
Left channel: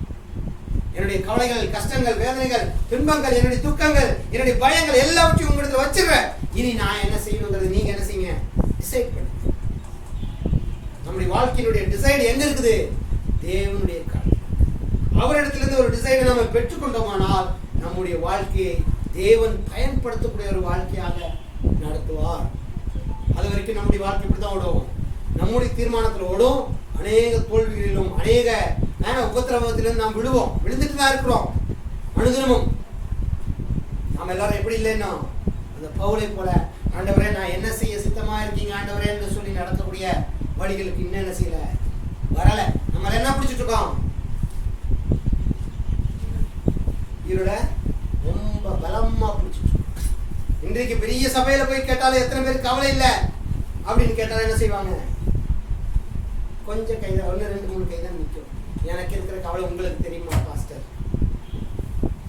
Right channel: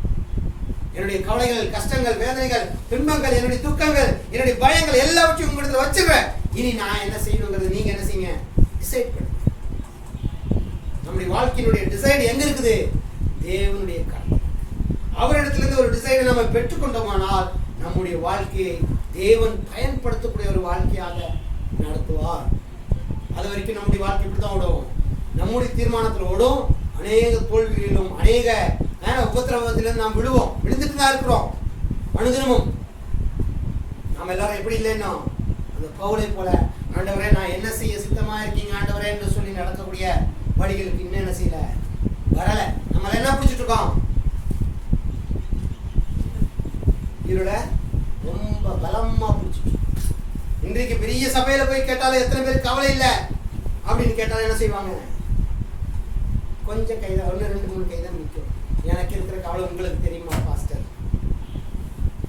என்னுடைய கவலைகள், கஷ்டங்கள், வேதனைகள், துன்பங்கள், என்னுடைய துக்கங்கள், என்னுடைய பயங்கள் எல்லாவற்றையும் உங்களிடத்துல வச்சிருக்கேன். இனி நான் என்ன செய்யணுங்கிறது நீங்க என்ன செய்யுங்க, டிசைட் பண்ணுங்க. நம்முடைய வாழ்க்கையினுடைய டிசைடு எங்க இருக்குது, தேவனுடைய காரியம். அவரிடத்திலிருந்து ஒரு டிசைடை நம்ம பெற்றுக்கொண்டோமானால் நம்முடைய வாழ்க்கையை தேவன் பயன்படுத்தக்கூடிய ஒரு வாழ்க்கையாக நடத்துவார். அது வரைக்கும் நம்முடைய வாழ்க்கை இப்படிதான் ஓடும். நம்முடைய தீர்மானத்தில் ஓடும். அநேக தோல்விகளிலும் அநேக உபத்திரவத்திலும் நாம் விழுந்துட்டு தான் இருக்கிறோம். அனுதினமும் நாம் எல்லாரும் எப்படி இல்லைன்னா அந்த பவுலை போல, ஆண்டவரே நான் என்ன செய்ய சித்தமா இருக்கீங்க ஆண்டவரே என்று சொல்லி நடக்கக்கூடிய வழிகளுக்கு இன்னும் என்ன செய்யல, வரல. நம்ம என்ன பிடிச்சிட்டு இருக்கோம், இருள ரொம்ப பலமா பிடிச்சிட்டு. இன்றைக்கு பெரிய சபையில போய் கேட்டாலும் எத்தனை பேருக்கு கவலை இல்லை அப்படின்னு கேட்டாலும் என்ன செய்வாங்க, கொஞ்சம் கைதான், 1 2 3 கைதான் நிற்கும். எனக்கு இருக்கிற கவலை உங்களுக்கு தெரியுமா பாஸ்டர்,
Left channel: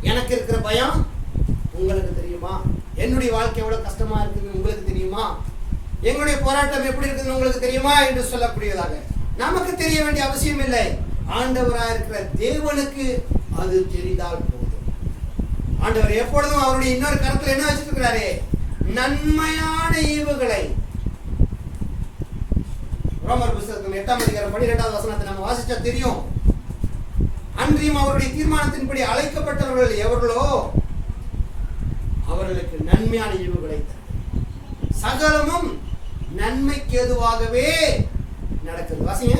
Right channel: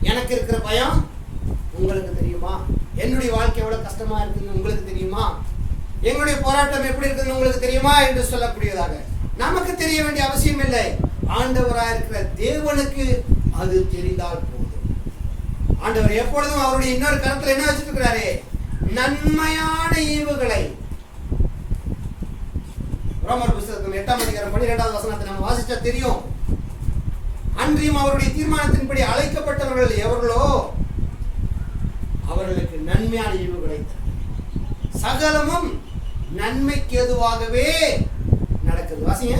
எனக்கு இருக்கிற பயம் உங்களுக்கு தெரியுமா, என்னுடைய வாழ்க்கை எவ்வளவு கஷ்டமா இருக்குன்னு உங்களுக்கு தெரியுமா, எங்களுடைய போராட்டம் எப்படி இருக்குன்னு உங்களுக்கு தெரியுமா என்று சொல்லக்கூடியதாக நமக்கு தெரிய வேண்டிய அவசியம் இல்லை. ஆண்டவராக இருக்கிற தேவனுக்கு அது தெரிந்தால் போதும். ஆண்டவர் எப்பொழுதும் அவருடைய இன்னொரு கருத்துல என்ன வச்சிட்டு இருக்கிறாரு, நன்மையான ஈவுகளை. ரோமர் புத்தகம் 8ஆம் அதிகாரம் 12வது வசனத்தை நம்ம வாசிச்சா தெரியும். அன்றியும் அவருடைய தீர்மானத்தின்படி அழைக்கப்பட்டவர்கள் எவர்களோ அவர்களுக்கு நன்மையான ஈவுகளை சகலமும் நன்மைக்கு எதுவாகவே நடக்குது. வாசிங்க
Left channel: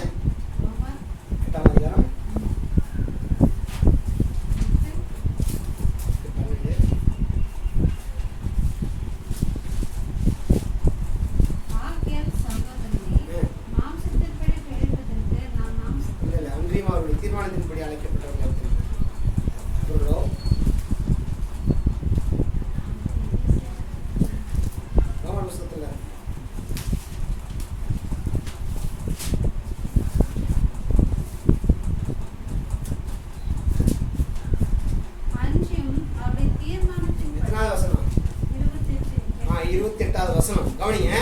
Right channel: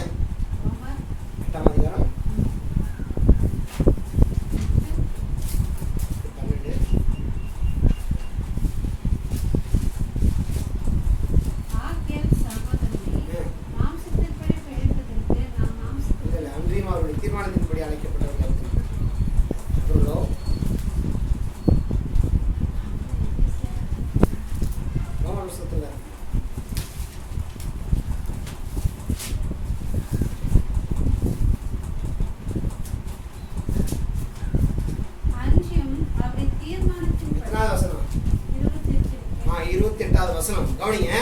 8ஆம் அதிகாரம் 12. அன்றியும் அவருடைய தீர்மானத்தின்படி அழைக்கப்பட்டவர்கள் எவர்களோ வசனம் கவனிங்க.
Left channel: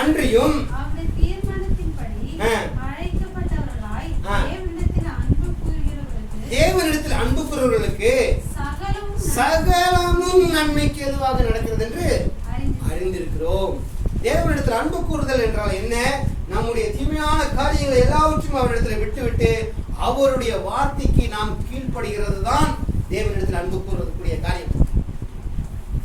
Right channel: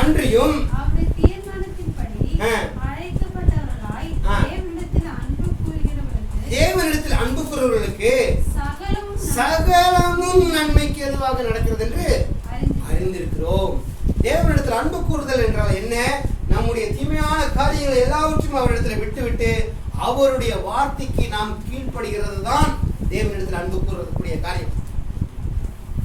அன்றியும் தேவனிடத்தில் அன்பு கூறுகிறவர்களுக்கு சகலமும் நன்மைக்கு எதுவாக நடக்கிறது என்று அறிந்திருக்கிறோம். தேவனிடத்தில் அன்பு கூறுதல் என்றால் என்ன, நம்முடைய தீமையான காரியங்களை எல்லாவற்றையும் அவரிடத்தில் விட்டுவிட்டு அவருடைய வார்த்தைக்கு நாம் கீழ்ப்படுகிறது தான் தேவனிடத்தில் அன்பு கூறக்கூடிய காரியம்.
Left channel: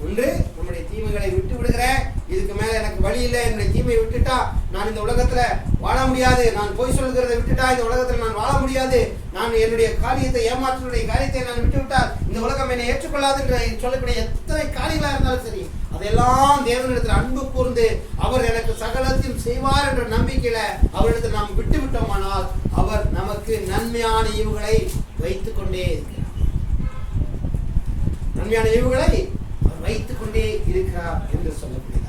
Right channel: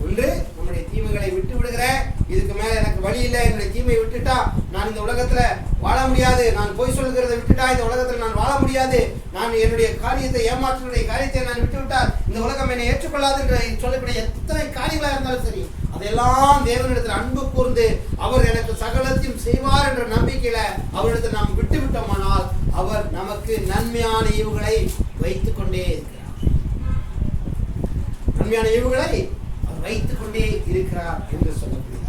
ஒன்று, நம்முடைய தீமைகளை விட்டு விடுகிற, இதுக்கு மேல எனக்கு வழி இல்லை, என்னுடைய தீமையை விட்டுட்டா நான் இந்த உலகத்துல வாழ முடியாது, நான் பொய் சொல்கிறதை விட்டுட்டா இந்த உலகத்துல நான் வாழ முடியாது, நான் என்னுடைய காரியத்தை, ஏமாற்றுடைய காரியத்தை நான் விட்டு விட்டால் இந்த உலகம் என்னை ஏற்றுக்கொள்ளாது என்று சொல்லக்கூடிய எத்தனை காரியங்களா இருந்தாலும் சரி, அதெல்லாம் தேவனிடத்தில் அன்பு கூர்ந்து அவர் எனக்கு சகலத்தையும் செய்வார் என்ற நம்பிக்கையில அவரிடத்தில் நாம் விட்டு விட்டோமானால் அவர் நமக்கு நன்மையான ஈவுகளை வைத்துக் கொண்டே இருக்கிறார். நன்மையான ஈவுகளை அவர் வைத்துக் கொண்டே இருக்கிறார் என்று சொல்லப்படுகிறார்.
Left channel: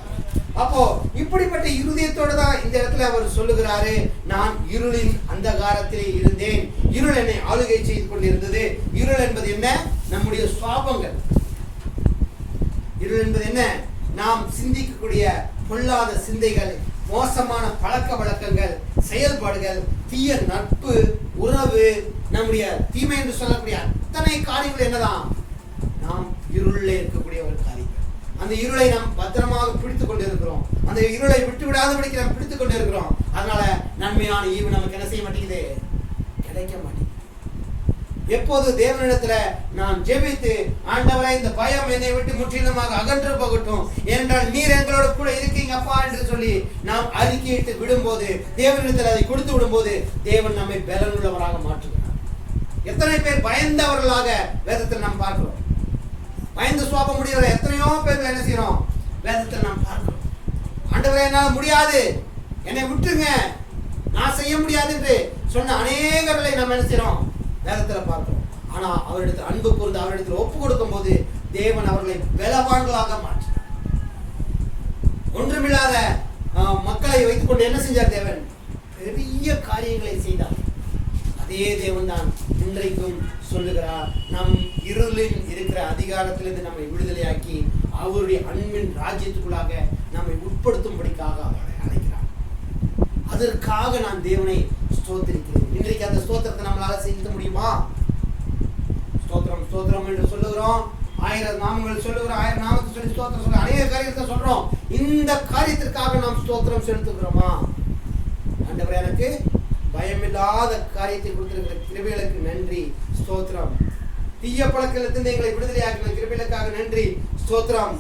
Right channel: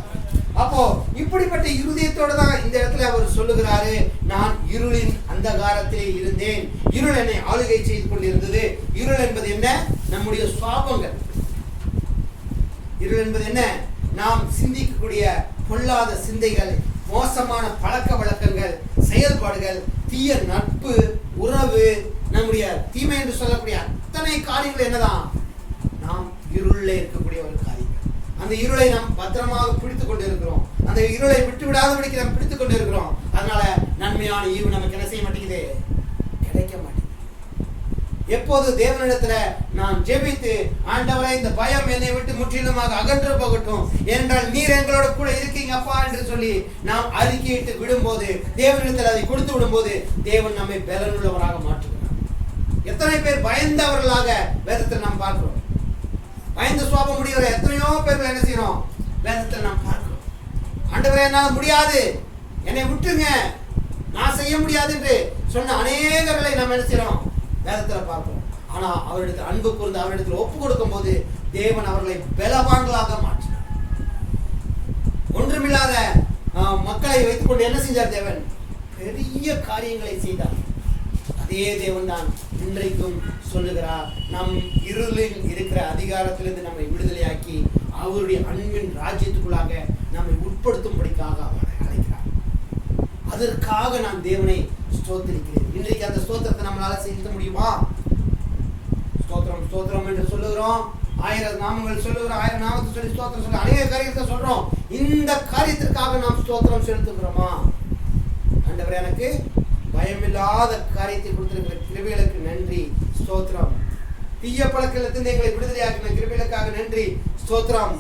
அப்போ இப்படிப்பட்ட இருதயத்தோடு தான் இந்த இடத்துல அவர் சொல்லுகிறாரு, நான் இருளின் அந்தகாரத்திலே இருந்தேன், இருள் என்னை ஆளுகை செய்து கொண்டிருந்தது. இருள் என்பது என்ன? நம்முடைய சுவாபங்கள். இருள் என்பது என்ன? நாம் சிந்திக்கக்கூடிய பொல்லாத சிந்தைகள், மோசமான பழக்க வழக்கங்கள், செயல்பாடுகள், தீய நட்பு, உறவு, நம்முடைய தீமை என்று சொல்லக்கூடிய அத்தனை காரியங்கள் என்னதான்? நாம் இருளில் இருக்கக்கூடிய ஒரு காரியம். அந்த இருளை நாம் பத்திரமாக பிடித்துக் கொண்டு இருக்கிறோம். அந்த இருளை விட்டு விடாதபடிக்கு நாம் பிடித்துக் கொண்டு இருக்கிறோம். அதனால நன்மையான ஈவு நமக்கு என்ன செய்ய மாட்டேங்குது? கிடைக்க மாட்டேங்குது. எப்போது தேவனிடத்துல நான் ஜெபித்து, ஆண்டவரே இந்த பயம் என்னை விட்டு முற்றிலுமாக அகன்று போகட்டும், ஏனென்றால் நீர் எங்களோட கூட இருக்கீங்க அப்பா என்று சொல்லி நாம் அறிக்கையிட்டு விடும்போது, தேவனிடத்தில் அதை கொடுத்து விடும்போது தேவன் நம்மை பலனுள்ளவராக மாற்றுகிறார். எத்தனை பேர் பயந்தவர்களாக வேதத்தில் நாம் பார்க்கிறோம். பயந்து சுவாபம் முடிகிற எத்தனையோ பேர்கள் என்ன செய்யறோம்? வேதத்தில் நாம் பார்க்கிறோம். ஆண்டவரே என்னால் முடியாது, என்னை விட்டுருங்க, நான் செய்ய முடியாது என்று சொன்ன அநேகர்களை நாம் என்ன செய்யறோம்? வேதத்தில் பார்க்கிறோம். ஆனா அவரிடத்தில் அன்பு கூர்ந்து அவரிடத்தில் ஒப்பு கொடுக்கும் போது தேவன் அவர்களை பலவான்களாக மாற்றினார். ஒன்றுமில்லாத மக்களை வைத்துக் கொண்டு என்ன செஞ்சார்? தேவன் பெரிய காரியங்களை செய்தார். அதே தேவன் தான் இன்றைக்கும் சொல்லுகிறார், நம் இருளில் இருக்கிற அதிகாரத்திலிருந்து நம்மை விடுதலையாக்கி அவருடைய அன்பின் ராஜ்யத்துக்குள்ளாக நம்மை உட்படுத்தும்படிக்காக அவரை அழைக்கிறார். அதற்காக நான் தேவனை ஸ்தோத்திரிக்கிறேன். இன்றைக்கு அந்த ஸ்தோத்திரத்தை நம்மளால செலுத்த முடியுமா? ஸ்தோத்திரம் ஸ்தோத்திரம் என்று சொல்லுகிறோம், 1000 நாமங்கள் சொல்லுகிறோம், 1000 நாமத்தை சொல்லி ஸ்தோத்திரம் சொல்ல அநேக காரியத்தை சொல்றோம். இந்த காரியத்திற்காக நாம் ஸ்தோத்திரம் செலுத்துகிறோமா? ஆண்டவரே எனக்கு பயமில்லாத காரியத்தை கொடுத்திருக்கிற கிருபைகளுக்கு நன்றி, ஸ்தோத்திரம். தீய பழக்கத்திலிருந்து எங்களை விடுதலையாக்கின கிருபைகளுக்காக நன்றி, ஸ்தோத்திரம்.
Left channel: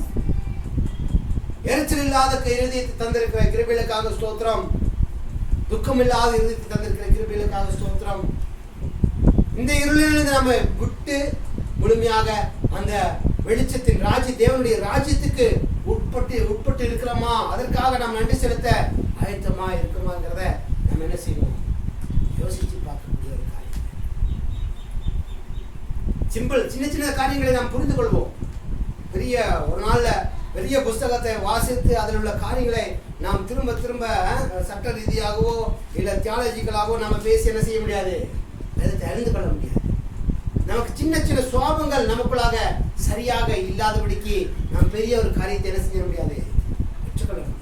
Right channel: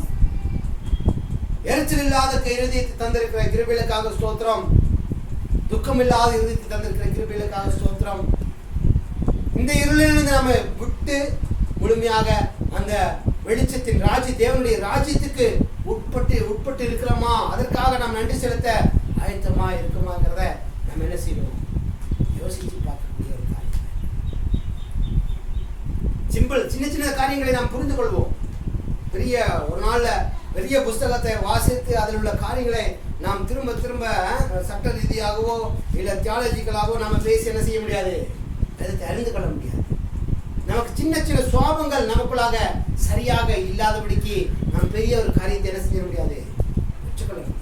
எரிச்சல் இல்லாத இருதயத்தை தந்திருக்கிற கிருபைகளுக்காக ஸ்தோத்திரம். துக்கம் இல்லாத இருதயத்தை தந்திருக்கிற கிருபைகளுக்காக ஸ்தோத்திரம். இந்த இருளிலிருந்து நம்ம விட்டு முழுமையாக அந்த வெளிச்சத்தின் ராஜ்ய தேவனுடைய ராஜ்யத்துக்கு உட்பட்டு இருக்கிறோமா? அதற்காக நாம் நன்றி செலுத்த ஆயத்தமா இருக்குமாங்கிறத நம்ம என்ன செய்யணும்? யோசிச்சு பார்க்கக்கூடிய ஒரு காரியம். சிம்பிள், சின்ன சின்ன காரியங்களை நாம் புரிந்து கொள்வோம். பெரிய ஒரு நாள்ல பெரிய புஸ்தகத்தை வாசித்து அதில் உள்ள காரியங்களை நாம் திரும்ப திரும்ப சட்ட ரீதியாகவோ இல்லை தியாலஜிக்கலாகவோ நம்ம பேசி என்ன செய்ய முடியாது? அதை அறிந்து கொள்ள முடியாது. நமக்கு சின்ன சின்ன சுவாபங்கள் நமக்குள்ளாக சரியாக இல்லாதபடிக்கு நாம் பெரிய ஒரு காரியத்தை என்ன செய்ய முடியாது? பெற்றுக்கொள்ள முடியாது.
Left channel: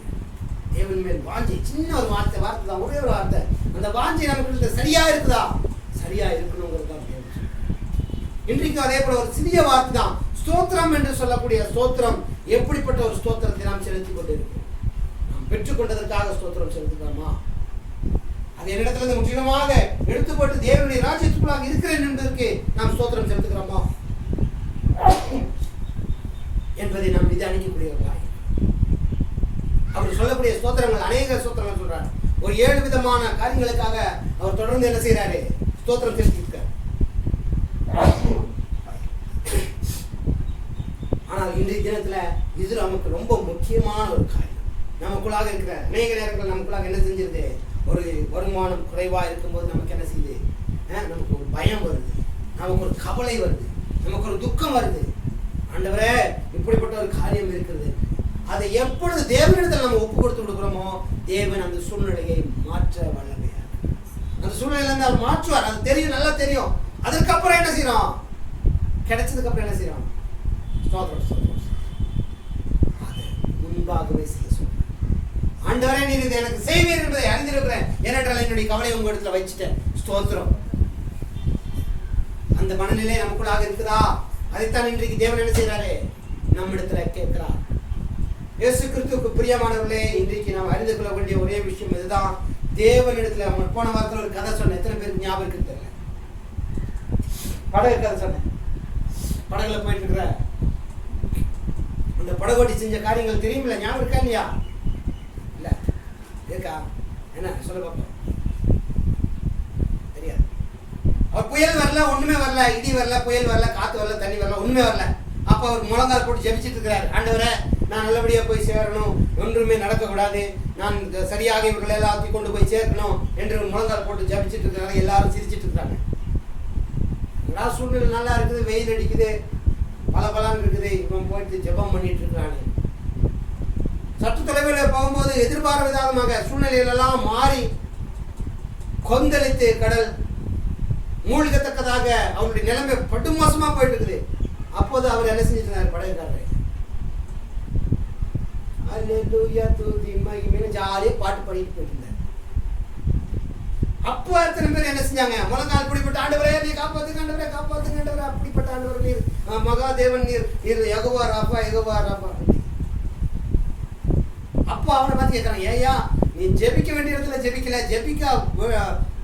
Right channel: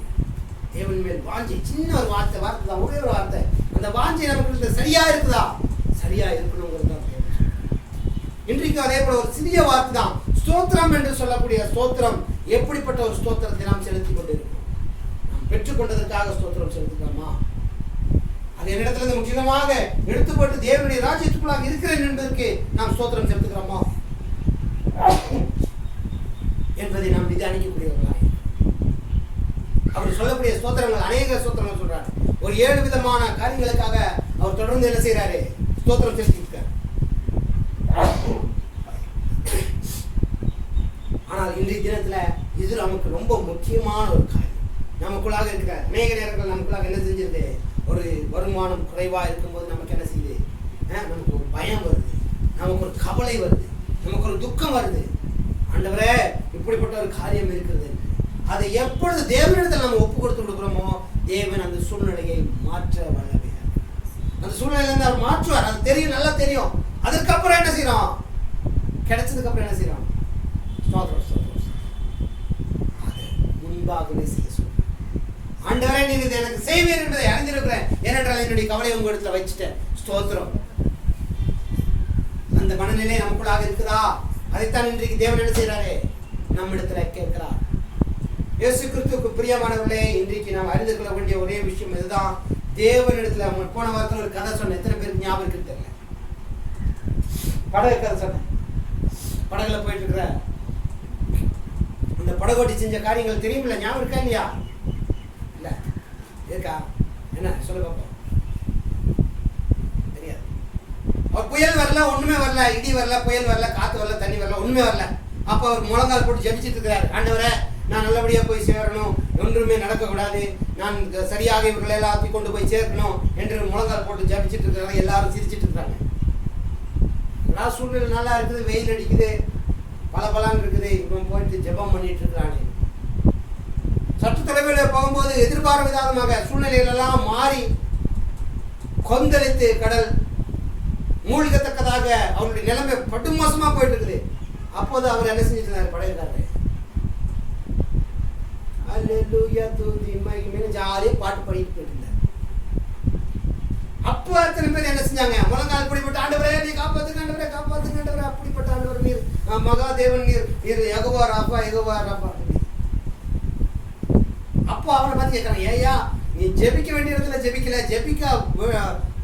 தேவன் மேல் வாஞ்சை, சின்ன ஒரு வார்த்தை தான், ஒரே ஒரு வார்த்தை, அந்த வாஞ்சை நமக்கு சரியா இருக்குதா? சரியா இருக்கணுங்கிறது தான் தேவன். இன்றைக்கு அதே போல ஒரு சிறிய வார்த்தை தான் ஸ்தோத்திரம் என்று சொல்லக்கூடிய ஸ்தோத்திரம். எப்படிப்பட்ட ஒரு ஸ்தோத்திரத்தை நாம் செலுத்திக் கொண்டிருக்கிறோம்? நாம் பெற்றுக்கொண்டதற்காக ஸ்தோத்திரம் செலுத்துகிறோமா? அது என்னிடத்துல முற்றிலுமாக எடுத்துப்பட்டு தேவனுடைய ராஜ்யத்துக்குள்ளாக இருக்கிறேன் என்பதற்கு நாம் ஸ்தோத்திரம் செலுத்துகிறோமா என்பதை நாம் நிதானிக்கக்கூடியவர்களாக. அவர் சொல்லக்கூடிய ஸ்தோத்திரங்கள் அநேக ஸ்தோத்திரங்கள் சொல்றார். ஒரு 7 விதமான காரியங்களுக்காக அவர் தொடர்ந்து என்ன செய்யறாரு? ஸ்தோத்திரம் செலுத்தியிருக்கார். ஆனால் இன்றைய தினத்துல இது நமக்கு ரொம்ப முக்கியமான ஒரு காரியம். நமக்குள்ளாக இருக்கிற அநேக நேரங்கள் நமக்குள்ளாக என்ன செஞ்சிருது? ஒரு வருமானம் குறைவா இருக்கும்போது நமக்கு என்ன செய்யுது? நமக்கு ஒரு பயம் வருது, நமக்கு ஒரு கவலை வருது, நமக்கு ஒரு துக்கம் வருது. ஆண்டவரே இப்படிப்பட்ட ஒரு காரியம் இருக்கிறது. அதை எப்பொழுது தேவனிடத்தில் நம்ம ஒப்பு கொடுத்து கொடுக்குறோமோ தேவன் அந்த சூழ்நிலையை மாற்ற வல்லமையா. அந்த சூழ்நிலையிலிருந்து அவர் மாற்றுவார். அது தெரியும், நல்லா தெரியும். அதுக்கப்புறம் என்ன செய்யறோம்? கிடைச்சதுக்கு அப்புறம் என்ன செய்யறோம்? அதை முன்பாகவே செய்ய சொல்றேன். ஆண்டவரே நீர் இதை எனக்கு செய்வீர் என்பதை அறிந்திருக்கிறேன், ஏனென்றால் என்னுடைய கவலையை உங்க இடத்துல வச்சுட்டேன். ஸ்தோத்திரம். அந்த மனநிலை நமக்குள்ளாக இருக்குதா? அதைத்தான் இன்றைக்கு தேவன் என்ன செய்யறாரு? நம்ம இடத்துல கேட்கிறார். இயேசு கிறிஸ்துவுக்கு பிரியமானவர்களே, இன்றைக்கு நாம் அறிந்து கொள்ள வேண்டிய ஒரே விஷயம் இதுதான். தேவனிடத்துல அவங்க போன வாரத்தில் ஒரு கதை சொன்னேன். எத்தனை பேருக்கு ஞாபகம் இருக்குன்னு தெரியல. படகு கதை சொன்னேன். படகுல போயிட்டு இருக்கிற இந்த படகோட்டி செஞ்ச காரியங்கள் தெரியுமில்ல? ஞாபகம் இருக்கா இல்லையா? இல்ல இருக்கா? என்ன சொல்ல பார்ப்போம். தெரியாது. அவர் புயல் வரல, ஒண்ணுமே வரல, இடி வரல, புயல் வரல, காத்து வரல, தண்ணி வரல, ஒண்ணுமே வரல. அப்ப அவர் முழங்கால் போட்டு ஜெபிச்சிட்டு இருக்கிறார். ஆண்டவரே நான் நல்லபடியா போய் சேரணும், ஒன்றுமே நடக்கக்கூடாது, நான் சரியாக இவர்கள் எல்லாத்தையும் கொண்டு போய் சேர்க்கணும் என்று முழங்கால் போட்டு ஜபிச்சுட்டு இருக்கிறாங்க. எல்லாரும் சிரிச்சிட்டு இருக்காங்க. எல்லா சூழ்நிலை நல்லா இருக்குது, வெயில் அடிக்குது, பலபலான்னு இருக்குது, இவன் போயிட்டு ஜெபம் பண்ணிட்டு இருக்கிறானே. சற்று தொலைவில் போகும்போது எதிர்பாராத விதமாக சூழ்நிலைகள் எல்லாம் மாறி கொந்தளித்து கடல் மூழ்கத்தக்கதாக அவருடைய நிலைமை படுமோசமா போயிட்டு இருக்குது. அப்போது அவர் என்ன செஞ்சுட்டு இருந்தார்? படையிருக்காரு, அல்லேலூயா துதி மகிமை ஜாலியா பாட்டு பாடிட்டு போயிட்டு இருந்தார். அப்போ எத்தனை பேர் என்ன செஞ்சாங்க? முழங்கால் பிடிப்பட்ட ஆண்டவரே நீ காப்பாத்துங்க, ஆண்டவரே காப்பாத்துங்க, ஆண்டவரே அப்படிப்பட்ட ஆண்டவர் நீர், மகாதேவன் நீர், நீர் யெகோவா ராபா, யெகோவா ராபா. அப்போ அவனை பார்த்து கேட்கறான், ஏயா நீ ஜெபிக்க வேண்டிய இடத்துல ஜெபிக்கல, ஜெபிக்க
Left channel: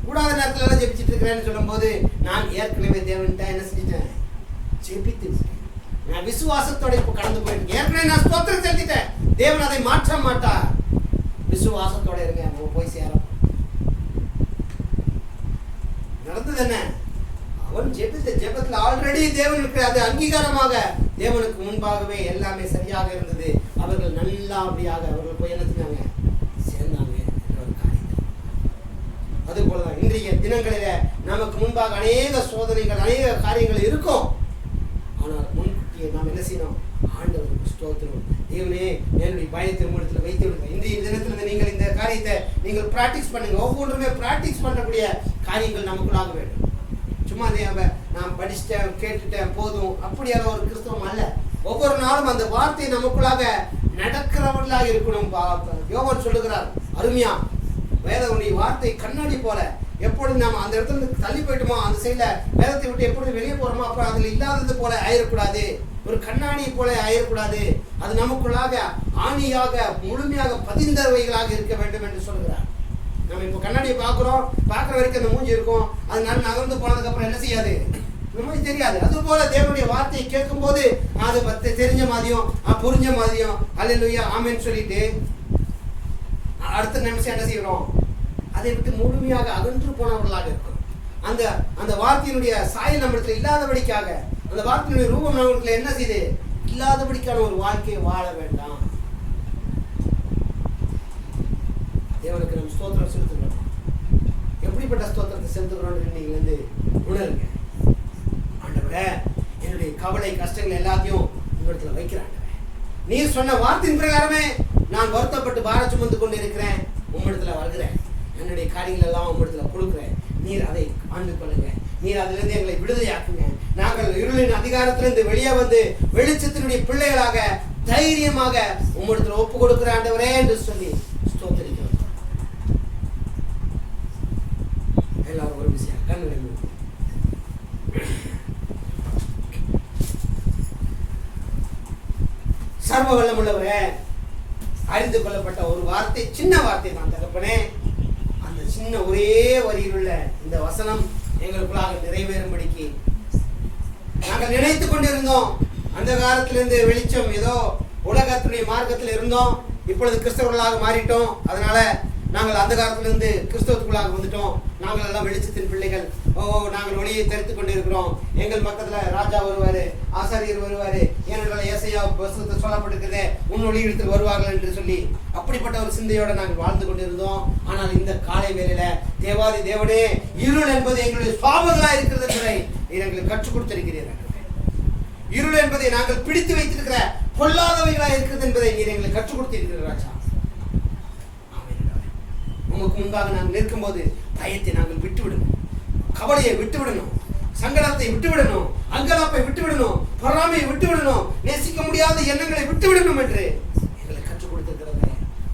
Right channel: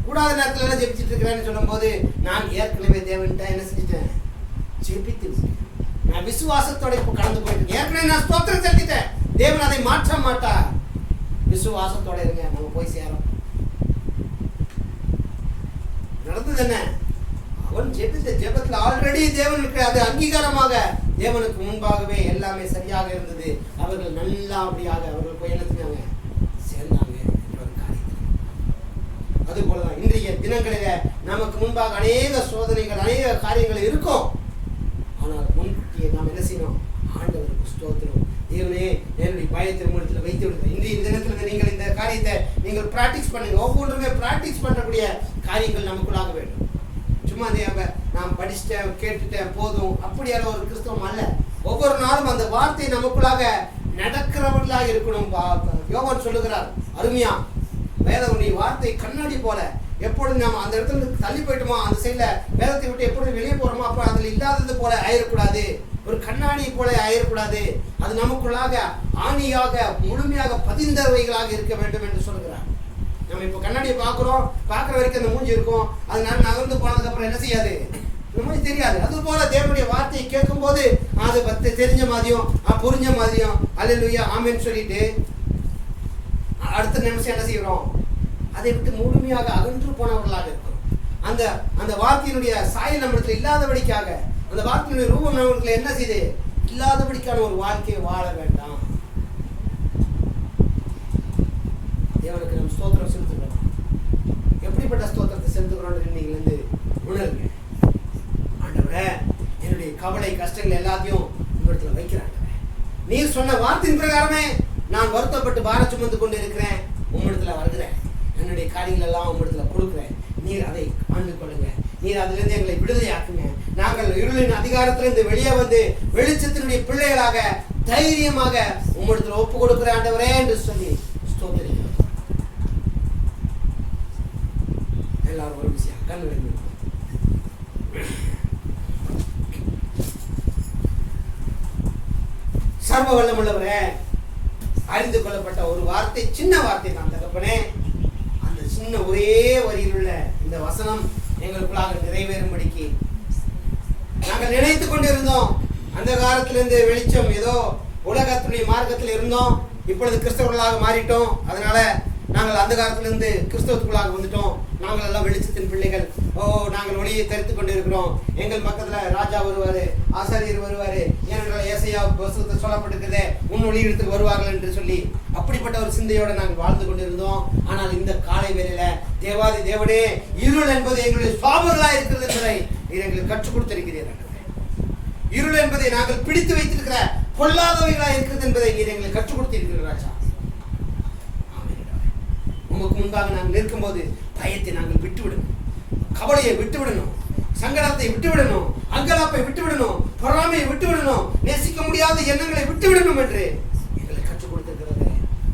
கூடாத நேரத்துல எல்லாம் ஜெபிச்சுட்டு இருக்கிறேன்னு சொல்லும் போது, நான் ஏற்கனவே தேவன்ட்ட என்ன செஞ்சுட்டேன்? ஜெபித்து நான் விசுவாசத்தோட இப்ப கடந்து போயிட்டு ஏற்கனவே நான் ஸ்தோத்திரம் செலுத்திட்டேன். தேவன் அதை மாற்ற மாட்டார். விசுவாசத்தோட இருங்க, நம்ம போய் சேரும். நடந்தது என்ன? அவன் ஜெபித்த ஜெபத்தில் ஆல்ரெடி தேவனுக்கு அது அங்கீகாரமாக தேவனுக்கு முன்பாகவே எல்லாமே சரியாக இருந்தது. அவர்கள் நல்லபடியாக அவர்கள் போய் என்ன செஞ்சாங்க? சேர்ந்தாங்க என்ற ஒரு காரியம். அது போலதான் இன்றைய தினங்களில நமக்கு முன்பாக அநேக சோதனைகள், அநேக காரியங்கள் இருக்கும். ஆனால் முன்கூட்டியே நாம் என்ன செய்யணும்? ஆண்டவருக்கு ஸ்தோத்திரம். தேவனே என்னுடைய பயத்தை உங்களிடத்துல வைத்து விடுங்க. இன்றைய தினத்துல நீங்கள் இந்த காரியத்தை நீங்கள் பிராக்டிஸ் பண்ணுங்க. ஒவ்வொன்றுமே பிராக்டிஸ் பண்ணக்கூடிய காரியங்கள் நமக்குள்ளாக வேண்டும். சும்மா நான் படிச்சுட்டேன், கேட்டுட்டேன், போதும் அப்படியான ஒரு கிறிஸ்தவம் அல்ல. ஒவ்வொரு நாளும் அந்த வார்த்தை நமக்குள்ளாக நடக்கிறவர்களாக இருக்கணும். யோவான் சொல்லுகிறார் அருமையா, வேதனுடைய வார்த்தை கண்ணாடி போல. எப்பொழுது நாம் அந்த இடத்துல இருந்து தள்ளி போயிட்டோமோ, அந்த சைட்ல வேதத்தை விட்டு எப்பொழுது வெளியே போறோமோ, அப்ப அதுல இல்லாதது போல ஆயிடக்கூடாது, ஒரு கண்ணாடி போல ஆயிடக்கூடாது. அது நமக்குள்ளாக ஆணியாக முழுமையாக பதிந்தவைகளாக இருக்க வேண்டும் என்று சொல்கிறார். நம்ம இப்போ கண்ணாடியை பார்க்குறோம், பார்க்குற வரைக்கும் அந்த மூஞ்சி இருக்கும், அது நகர்ந்து போனதுக்கு அப்புறம் என்ன செய்யாது? மூஞ்சி தெரியாது. அது போல தேவனுடைய வார்த்தையை கேட்கும் போது அது தெரிஞ்ச மாதிரியும் புரிஞ்ச மாதிரியும் அல்லேலூயா ஆமென் சொல்லிட்டு அடுத்த நிமிஷம் என்ன செய்யறோம்? அதை விட்டு முழுமையாக அகன்று போனவர்களாக இருக்கிறோம். அந்த அந்த வார்த்தையினுடைய சாயல் நம்மிடத்தில் இல்லாதபடிக்காக, அந்த வார்த்தையினுடைய ரூபம் நம்மிடத்தில் என்ன செய்யுது? இல்லாதபடிக்கான ஒரு வாழ்க்கையை வாழ வேண்டாம். தேவனுக்கு நம்ம ஸ்தோத்திரம் செலுத்துகிறோம். எப்படிப்பட்ட ஸ்தோத்திரத்தை செலுத்துகிறோம் நீங்க வந்து உணருங்க. ஆண்டவரே என்னுடைய கவலை கஷ்டங்கள் எல்லாத்தையும் உங்களிடத்துல வைக்கிறாங்க. நீர் சொன்ன வார்த்தையின் பிரகாரமே நான் வருத்தப்பட்டு பார சுமந்து கொண்டு இருக்கிறேன், உம்மிடத்துல வருகிறேன், என்னுடைய காரியங்கள் எல்லாம் உம்மிடத்துல கொடுக்குறேன். நீர் அதை ஆண்டு கொள்ளுங்க. நீர் அதிலிருந்து எங்களை விடுதலையாக்குங்க. நாங்கள் இருளின் அதிகாரத்திலிருந்து வெளியே வந்து வெளிச்சத்தினுடைய பிள்ளைகளாக தைரியமாக உம்மிடத்துல ஒப்பு கொடுக்கிற ஆண்டவரே என்று சொல்லி ஸ்தோத்திரிக்கிறோம். எல்லாரும் ஒரு விஷயம் கண்ணு சர்வ வல்லம் உள்ளவரே, அறிந்து கொள்ளப்பட்ட ஒரு வார்த்தை, சின்ன வார்த்தை தான் தகப்பனே. அந்த சின்ன ஒரே வரியில் உள்ள இந்த வசனம் எங்களுக்குள்ளாக நிறைவேறும்படிக்கு நாங்கள் நினைத்து கொண்டிருந்தோம். அந்த காலத்திலிருந்து வெளிச்சம் ஏதோ உலகத்துடைய மார்க்கத்தில் இருந்தோம், இப்பொழுது கிறிஸ்தவர்களாக மாறிட்டோம். அதனால நாங்கள் அந்த காலத்திலிருந்து கிறிஸ்தவத்துக்குள்ளாக வந்துட்டோம். நாங்கள் எல்லாம் வெளிச்சத்தின் பிள்ளைகள். நாங்கள் ஒளியை தெரிந்து கொண்டு இருக்கிறோம். எங்கள் பக்கத்துல ராஜா வருவாரு, ஆசாரியர் வருவாரு, ஏனென்றால் ஏசாயா வசனத்தில் சொல்லப்பட்டிருக்கிறதே உன் ஒளியிடத்தில் வருவார்கள் என்று சொல்லி அப்படிப்பட்ட ஒரு சிந்தையோட நாங்கள் வாழ்ந்து கொண்டிருந்தோம். ஆனால் இந்த காலை வேளையில தேவாதி தேவனே, இருள் என்பது எங்களுடைய சுவாபங்களா இருக்கிறது என்பதை நீர் எங்களுக்கு கற்றுக் கொடுத்திருக்கிறீர்கள். இருள் என்பதை நாங்கள் பிடித்து வைத்திருக்கிற பொல்லாதவைகளா இருக்கிறது என்பதை நீர் எங்களுக்கு கற்றுக் கொடுத்திருக்கிறீர்கள் ராஜா. உங்களுக்கு முன்பாக நாங்கள் நிற்கும்போது பயத்தை நாங்கள் விட்டுவிடணும், கவலையை விட்டுவிடணும், சங்கடத்தை விட்டுவிடணும், அங்கலாப்பை விட்டுவிடணும், பொறாமையை விட்டுவிடணும், நேசிக்க முடியாத எண்ணங்களை விட்டுவிடணும் என்று எங்களை கற்றுக் கொடுத்திருக்கிறது.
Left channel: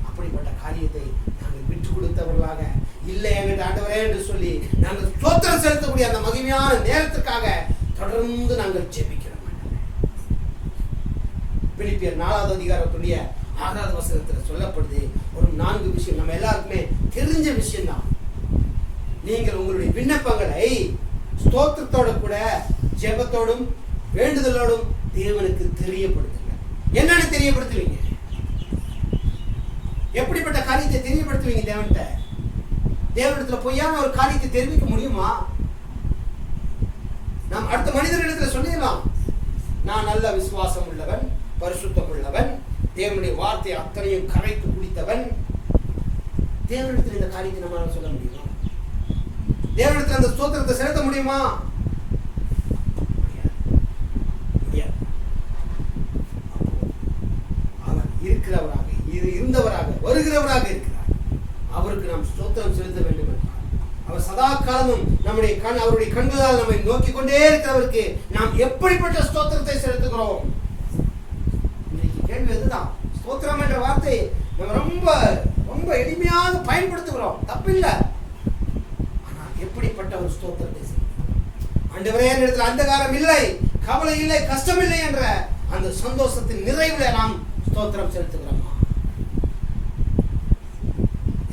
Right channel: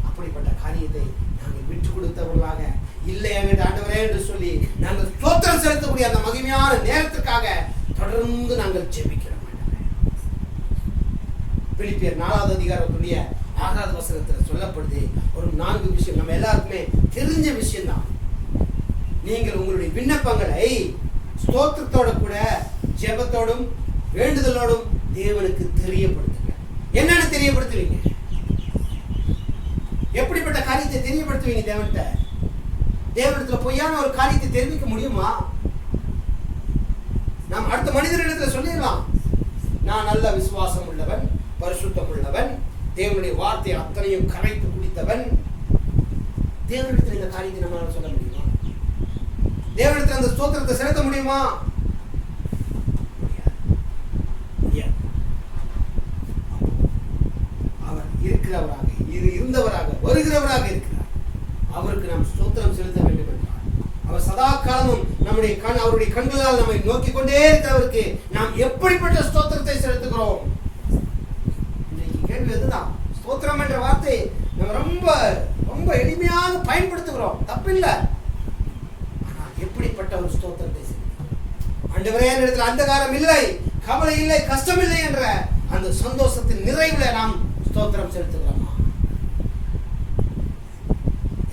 அப்படிப்பட்ட காரியத்தை நாங்கள் விட்டு கொடுத்தவர்களாக இல்லை எங்கள் ஆண்டவரே என்று சொல்லி நாங்கள் ஸ்தோத்திரம் செலுத்தக்கூடிய அந்த மகிமையான நேரத்திற்காக தொடர்ந்து நாங்கள் ஜெபிக்கிறோம். பிலிப்பியர் 4வது அதிகாரத்துடைய 6வது வசனத்தில் சொல்லப்படுது ஒரு 4 விஷயம், நம்ம எல்லாருக்குமே தெரிஞ்ச விஷயம் தான். நீங்கள் உங்களுடைய விண்ணப்பங்களை ஸ்தோத்திரத்தோட கூட ஜெபத்தோடும் வேண்டுதலோடும் தேவனுக்கு தெரியப்படுத்துங்க. என்னன்னு தெரியப்படுத்துவீங்க? எப்படிப்பட்ட காரியத்தை தெரியப்படுத்துவீங்க தேவன்கிட்ட? தேவனிடத்துல பொய்யான ஒரு காரியத்தை தெரிவிக்க முடியுமா? நாம் அடுத்த மனிதர்களிடத்துல சொல்லிடலாம், நான் நல்ல விசுவாசம் உள்ளவன், பரிசுத்தம் உள்ளவன், தேவனுடைய வார்த்தை அத்தனையும் கரைத்து குடித்தவன். தேவனிடத்தில் இந்த காரியத்தை நம்மளால சொல்ல முடியுமா? தேவனிடத்தில் அந்த ஸ்தோத்திரத்தை செலுத்த முடியுமா? முடியாது. அவர் இருக்கிறவராக, இருந்தவராக, வருகிறவராக இருக்கிறார். அவருக்கு நாம் ஸ்தோத்திரம் செலுத்த வேண்டும் என்றார். அவர் சதா காலமும் நம்முடைய அவருடைய கண்களால் நம்மை நோக்கி கொண்டே இருக்கிறவருக்கு நாம் எப்படிப்பட்ட ஸ்தோத்திரத்தை செலுத்துகிறோம்? இன்றைக்கு கேள்வி அதுதான். ஸ்தோத்திரம் என்ற வார்த்தை நம்ம ரொம்ப ரொம்ப எளிமையாக பயன்படுத்துகிறோம், தப்பில்லை. ஆனால் எப்படிப்பட்ட ஒரு ஸ்தோத்திரத்தை செலுத்துகிறோம்? ஆண்டவரே, என்னிடத்தில் அந்தகாரம் இல்லை, கவலை இல்லை, கஷ்டம் இல்லை என்ற அந்த சந்தோஷத்தின் நிறைவுல நாம் ஸ்தோத்திரம் செலுத்துகிறோமா?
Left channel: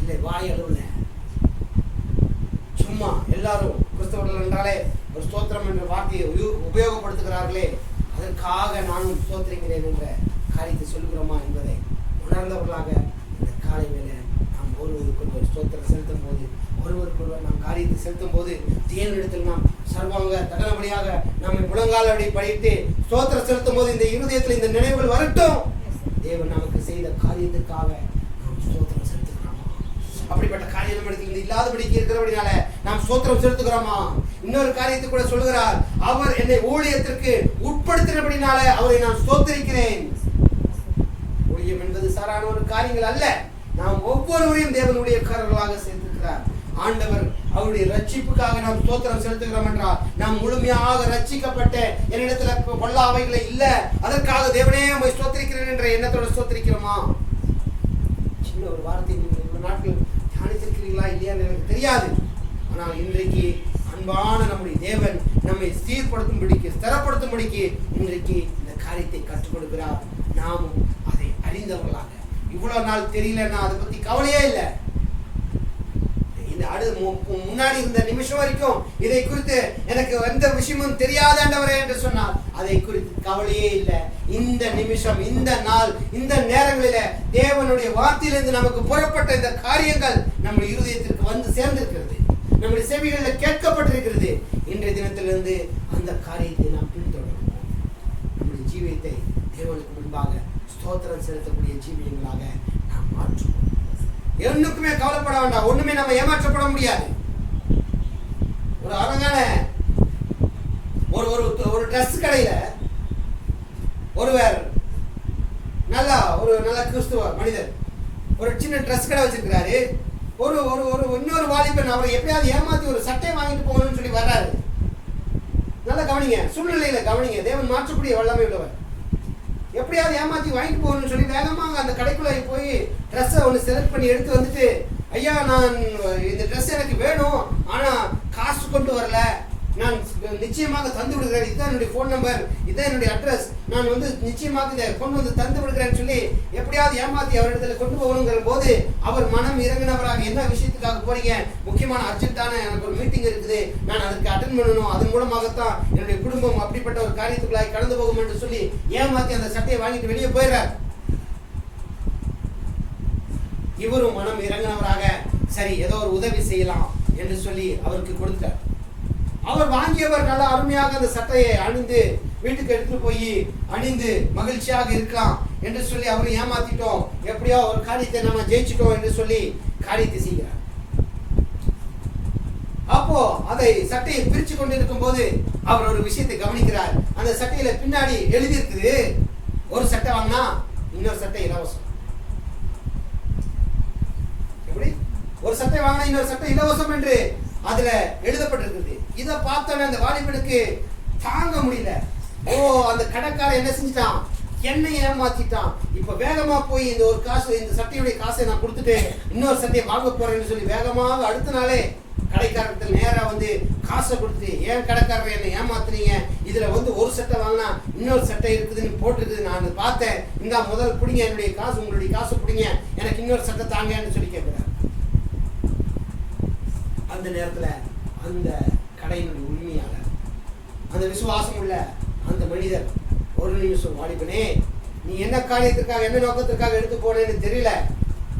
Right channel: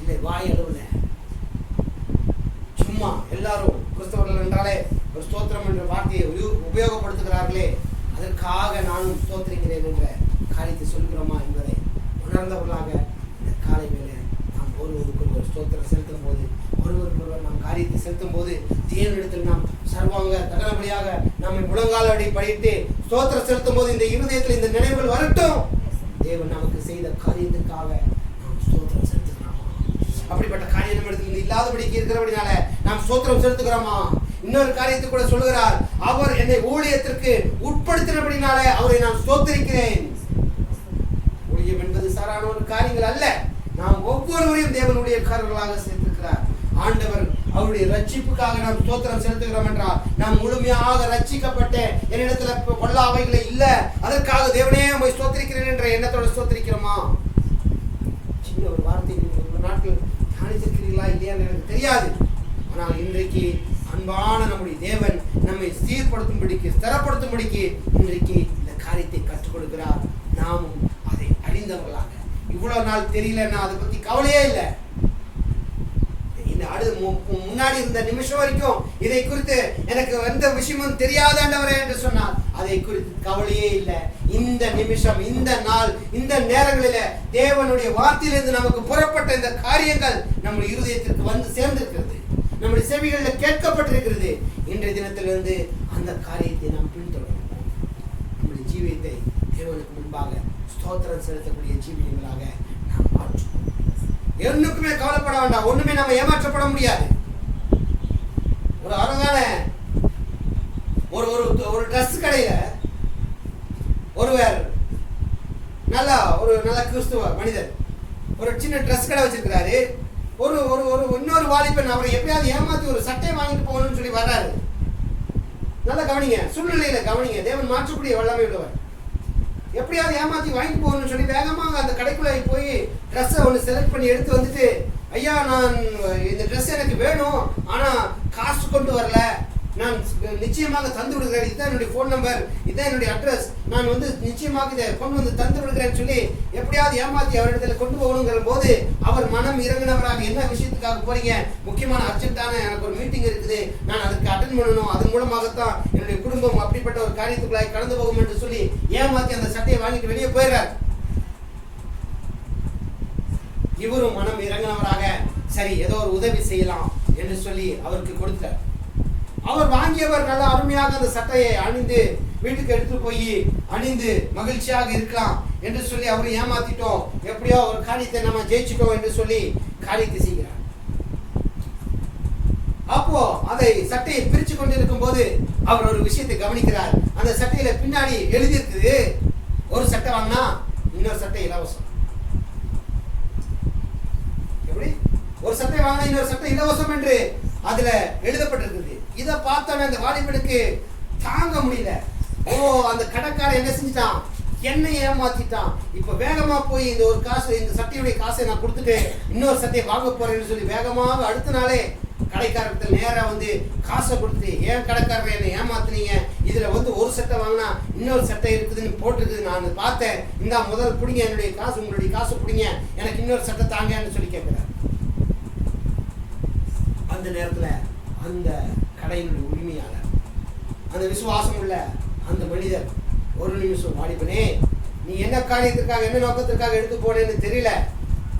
இல்லை, வாய் அளவுல சும்மா எல்லாரும் கிறிஸ்தவர்கள் என்றாலே ஒரு ஸ்தோத்திரம் என்ற வார்த்தையை உபயோகப்படுத்துகிறார்களே, அதற்காக நானும் ஸ்தோத்திரிக்கிறேன் என்ற காரியத்தை சொல்கிறோமா என்பதை உணர்ந்தவர்களாக இந்த காலை வேளை நாம் ஒருவருக்கொருவர் ஸ்தோத்திரம் செலுத்தும் போது, ஒருவருக்கொருவர் நாம் காரியத்தை செலுத்தும் போது, தேவனிடத்தில் நாம் சர்வாங்க தகனபடியாக நம்மை முழங்காலடி படித்து ஸ்தோத்திரம் செலுத்தும் போது இந்த இருதயத்தில் இந்த நினைவுகள் வரட்டும். தேவன் நமக்கு செய்த காரியத்திற்காக நாம் ஸ்தோத்திரம் செலுத்துகிறோமா? அப்படிப்பட்ட காரியம் நம்மிடத்தில் இல்லாதபடிக்கு இருக்கிறபடினால நாம் ஸ்தோத்திரம் செலுத்துகிறோமா? இன்னொரு காரியத்தை கூட சொல்கிறார், அவர் என்னை ஊழியத்திற்கு உட்படுத்தினபடினால அவரை நான் ஸ்தோத்திரிக்கிறேன். ஊழியம் என்பது சாதாரண ஒரு காரியங்கள் அல்ல. நாம் ஒவ்வொருவரையும் தேவன் ஊழியக்காரர்களாக சேர்த்திருக்கிறார். ஆண்டவர் அவருடைய ரட்சிப்புக்காக நாம் ஸ்தோத்திரம் செலுத்துகிறோம் என்றால், நாம் முழுமையாக ரட்சிக்கப்பட்ட என்னிடத்துல கொள்ளாவைகளை இல்ல, அதற்காக தேவனே உம்மை ஸ்தோத்திரிக்கிறேன் என்ற எண்ணத்தோட ஸ்தோத்திரிக்கிறோமா? சின்ன ஒரு வார்த்தை நீங்கள் நாட்கள் தியானித்திருக்கிறீர்களா இல்லையான்னு எனக்கு தெரியாது. ஆனால் இன்றைக்கு அன்பான நம்முடைய தேவன் நம்மை சீர்படுத்தும்படிக்கு, ஸ்திரப்படுத்தும்படிக்கு இன்றைக்கு இந்த காரியத்தை கற்றுக் கொடுக்கிறார். நாமும் அதை அறிந்தவர்களாக, இவ்வளவு நாள் தெரியலன்னா அதை பத்தி கவலையே இல்லை. முன்னாடி இருந்த நிமிஷம் வரைக்கும் இதை குறித்து எனக்கு எந்த விஷயமும் தெரியாதவரே என்று சொன்னார், அதை குறித்து கவலையே இல்லை. இந்த நிமிஷம், இந்த நாள், இந்த நேரங்களில தேவனுடைய வார்த்தையிலிருந்து நமக்கு புறப்பட்ட இந்த காரியங்கள் நம்முடைய இருதயத்திற்கு வந்து சேர்ந்திருக்கிறது, நம்முடைய செவிகளில் கேட்கப்பட்டிருக்கிறது. இன்றைய தினத்திலிருந்து அந்த காரியத்தை நாம் பின்தொடர்வோம். நம்முடைய ஜீவியத்தை தேவனுக்கு முன்பாக ஸ்தோத்திரம் செலுத்தக்கூடிய ஜீவியங்களாக நாம் மாற்றுவோம். என்னுக்குமே கவலைப்பட வேண்டாம், ஒண்ணுமே நம்ம ஏமாற்றப்பட முடியாது. ஒரு அழகான ஒரு ட்ரெஸ் கடையில ஒருவர் நல்ல கிறிஸ்துவ மனிதர் ஒரு சின்ன ட்ரெஸ் கடை வச்சிருக்கிறாரு. ஒரு இன்னொரு வாலிபன் அவரை எப்படியாவது ஏமாத்தி ஒரு சட்டை வாங்கிட்டு போகணும்னு சொல்லி வர்றாரு. நல்லா கவனிங்க, சூழ்நிலையில கவனிங்க. தேவன் மாற்றக்கூடிய வல்லமை உள்ளவர். எப்படியாவது ஏமாத்தி வாங்கிட்டு போகணும்னு சொல்லி வேகமாக அந்த கடைக்குள்ள போய் ட்ரெஸ்ஸை ஒன்று செலக்ட் பண்ணி எடுத்து வந்துட்டு, ஐயா நான் இந்த ட்ரெஸ் எனக்கு வேணும், ஆனால் காசு கொண்டு வரல, நான் நிச்சயமாக தந்து விடுகிறேன், இதுதான் என்னுடைய ஃபோன் நம்பர், இதுதான் என்னுடைய அட்ரஸ், நான் நிச்சயமாக இதை கொண்டு வந்து தந்து விடுகிறேன்னு சொல்லி எப்படியாவது ஏமாத்தி அவரிடத்துல கொண்டு போகணுங்கிற போது அவர் மனம் இறங்கினவராக, என்ன விஷயத்துக்காக போறீங்க, முக்கியமான அர்ஜென்ட்டான எனக்கு ஒரு மீட்டிங் இருக்குது, நான் அதுக்கு அட்டென்ட் பண்ணணும், அதன் மூலமாகத்தான் என்னுடைய குடும்பம் அப்படிப்பட்ட ஒரு காரியத்துக்குள்ளாய் கடந்து போகும் என்று சொல்லி ஏமாத்தி அந்த சட்டையை வாங்கிட்டு வெளியே போயிடுறார். இவரும் மனம் இறங்கினவராக சரி ஏதோ ஒரு உதவி செய்யலாம் என்று சொல்லி அவருக்கு கொடுத்தார். அவர் வாங்கியவர் நல்ல அருமையாக அந்த சட்டையை அணிந்து வீட்டுக்கு எடுத்துட்டு போய் அணிந்து மகிழ்ச்சியாக இருக்கலாம் என்று சொல்லி அவரை ஏமாத்திட்டோம், எப்படியோ ஒரு காரியத்தை நம்ம ஜெயிச்சிட்டோம் என்று சொல்லி காரியத்தை செய்கிறார். அப்போ அதை சட்டையை பிரிச்சு கொண்டிருக்கும் போது அவர் ஒரு விஷயத்தை கவனிக்கிறார். அந்த சட்டையில பின்னாடி எழுதி இருக்குது, ஒரு சட்டை வாங்கினா இன்னொரு சட்டை இலவசம். எப்படி ஒரு சட்டை வாங்கினா இன்னொரு சட்டை இலவசம் என்று அதுல எழுதப்பட்டிருக்குது. இதை பார்த்தவன் அந்த வாலிபனுக்கு தாங்க முடியல. ஓ, அந்த கடைக்காரன் என்ன செஞ்சிட்டான், என்னை ஏமாத்திட்டான், இப்ப வேகமா போய் இந்த ஒரு காசு, இந்த சட்டையுடைய காசை நான் கொடுத்துட்டு இன்னொரு சட்டையை வாங்க போறேன்னு சொல்லி வேகமாக அடுத்த நாளே கடைக்காரத்தில் நேரா வந்து காசை கொடுத்துட்டு, ஏன் கடைக்காரர் என்னை ஏமாத்துனீங்க, இதுல ஒரு சட்டை வாங்கினா இன்னொரு சட்டை இருக்குதுன்னு போட்டிருக்குது, நான் பார்த்தேன், இந்த முதல் பிடிங்க என்னுடைய காசு, உங்களுடைய காசு பிடிங்க, எனக்கு இன்னொரு சட்டை தாங்கன்னு சொல்லி கேட்கிறார். அந்த நேரத்துல அந்த கடையினுடைய உரிமையாளர், அந்த விசுவாசம் உள்ள அந்த மனிதர், ஒரு நிமிஷம் வாலிபனே, நீ என்ன காரியத்திற்காக என்ன நோக்கத்திற்காக எடுத்து போனேன்னு தெரியல,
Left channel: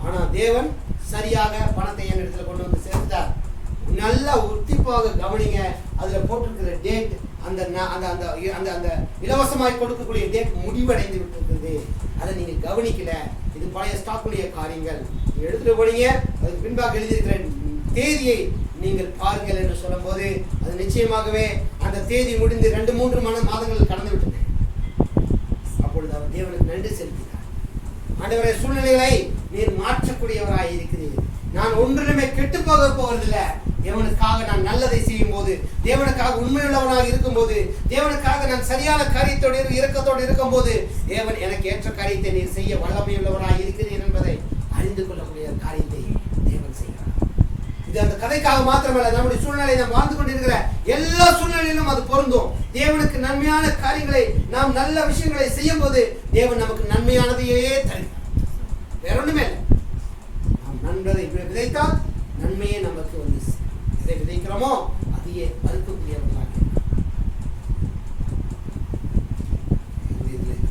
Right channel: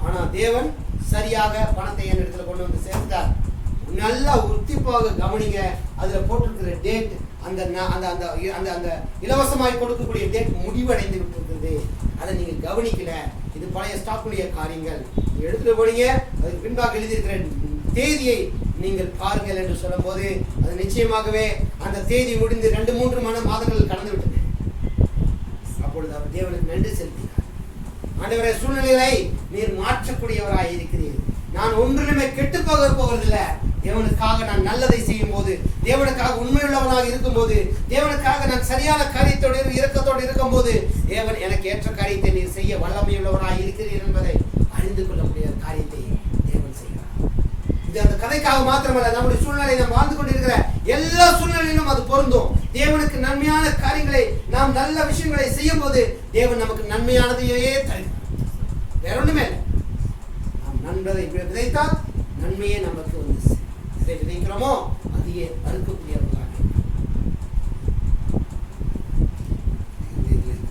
ஆனா தேவன் சரியாக பணத்தை என் இடத்துல கொண்டு வந்து சேர்த்தார். நல்லா உத்திப்பாக கவனிங்க, அதுல போட்டிருக்கிற டேட், அந்த அந்த அந்த அந்த அந்த இலவசமாய் கொடுக்கக்கூடிய டேட் முடிவடைந்து விட்டுருக்குது. அதை நீங்க கவனிக்கல. இது பழைய ஸ்டாக்குடைய காரியங்கள். நீங்க எடுத்துட்டு போனீங்க, அதுக்கு பின்பாக எழுதியிருக்கிற தேதியை நீங்கள் பாருங்கள் என்று சொல்லும் போது அது நிச்சயமாகவே அந்த தேதி முடிந்து 2-3 மாதங்கள் கடந்து விட்டது. அப்பொழுது அவர் தேவனுக்கு நன்றி செலுத்தினார். ஆண்டவரே, சூழ்நிலைகளை நீர் மாற்றக்கூடியவராய் இருக்கிறீர். நான் ஒன்றிலுமே கெட்டு போவதில்லை. தேவனுக்காக நான் நல்லதை செய்யும் போது, தேவனுக்காக உண்மையுள்ளவனாக இருக்கும் போது, தேவனுக்காக நான் சரியான காரியத்தோடு இரக்கத்தோடு இருக்கும் போது, தேவன் எனக்கு ஏற்ற காரியத்தை நீர் செய்ய வல்லமையுள்ளவராய் இருக்கிறீர் என்பதை அறிந்து கொள்ளக்கூடிய காரியத்தை தேவன் செய்கிறார். இது அந்த கதைக்காக மாத்திரமல்ல, நம்முடைய சூழ்நிலை நாம் வாழ்ந்து கொண்டிருக்கிற எல்லா சூழ்நிலையிலும் அது பொருந்தும். தேவனுக்கு நன்மையான காரியங்களை, நாம் நல்ல விஷயங்களை செய்யும் போது தேவன் நமக்கு நன்மையானதையே தருகிறார். வேற ஒண்ணுமே இல்லை. நாம் நன்மையை விதைத்தால் நன்மையே நமக்கு வந்து எதை விதைக்கிறோமோ அதையே அறுக்கக்கூடியவர்களாக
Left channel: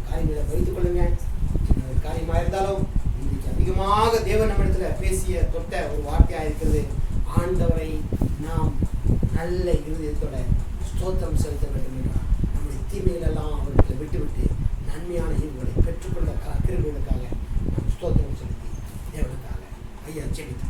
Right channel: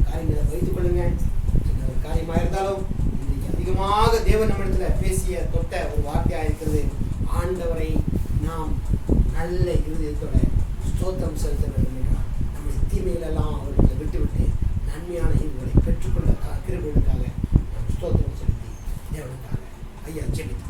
காரியங்களை வைத்துக் கொள்ளுங்க. காரியமாக இருந்தாலும் இன்னைக்கு அதிகமாக தேவன் நம்மிடத்துல பேசிய தொட்ட ஒரு வார்த்தையா இருக்கிறது. ஆண்டவரை நாம் நல்ல இருதயத்தோட ஸ்தோத்திரம் செலுத்த வேண்டும் என்றால் நம்முடைய தீமைகள் எல்லாம் அவர்களை விட்டுவிட்டு நன்மையான ஈவுகளை பெற்றுக்கொண்ட கிருபைகளுக்காக நாம் ஸ்தோத்திரம் செலுத்தி தேவனுக்காக ஐயா ஜெபித்து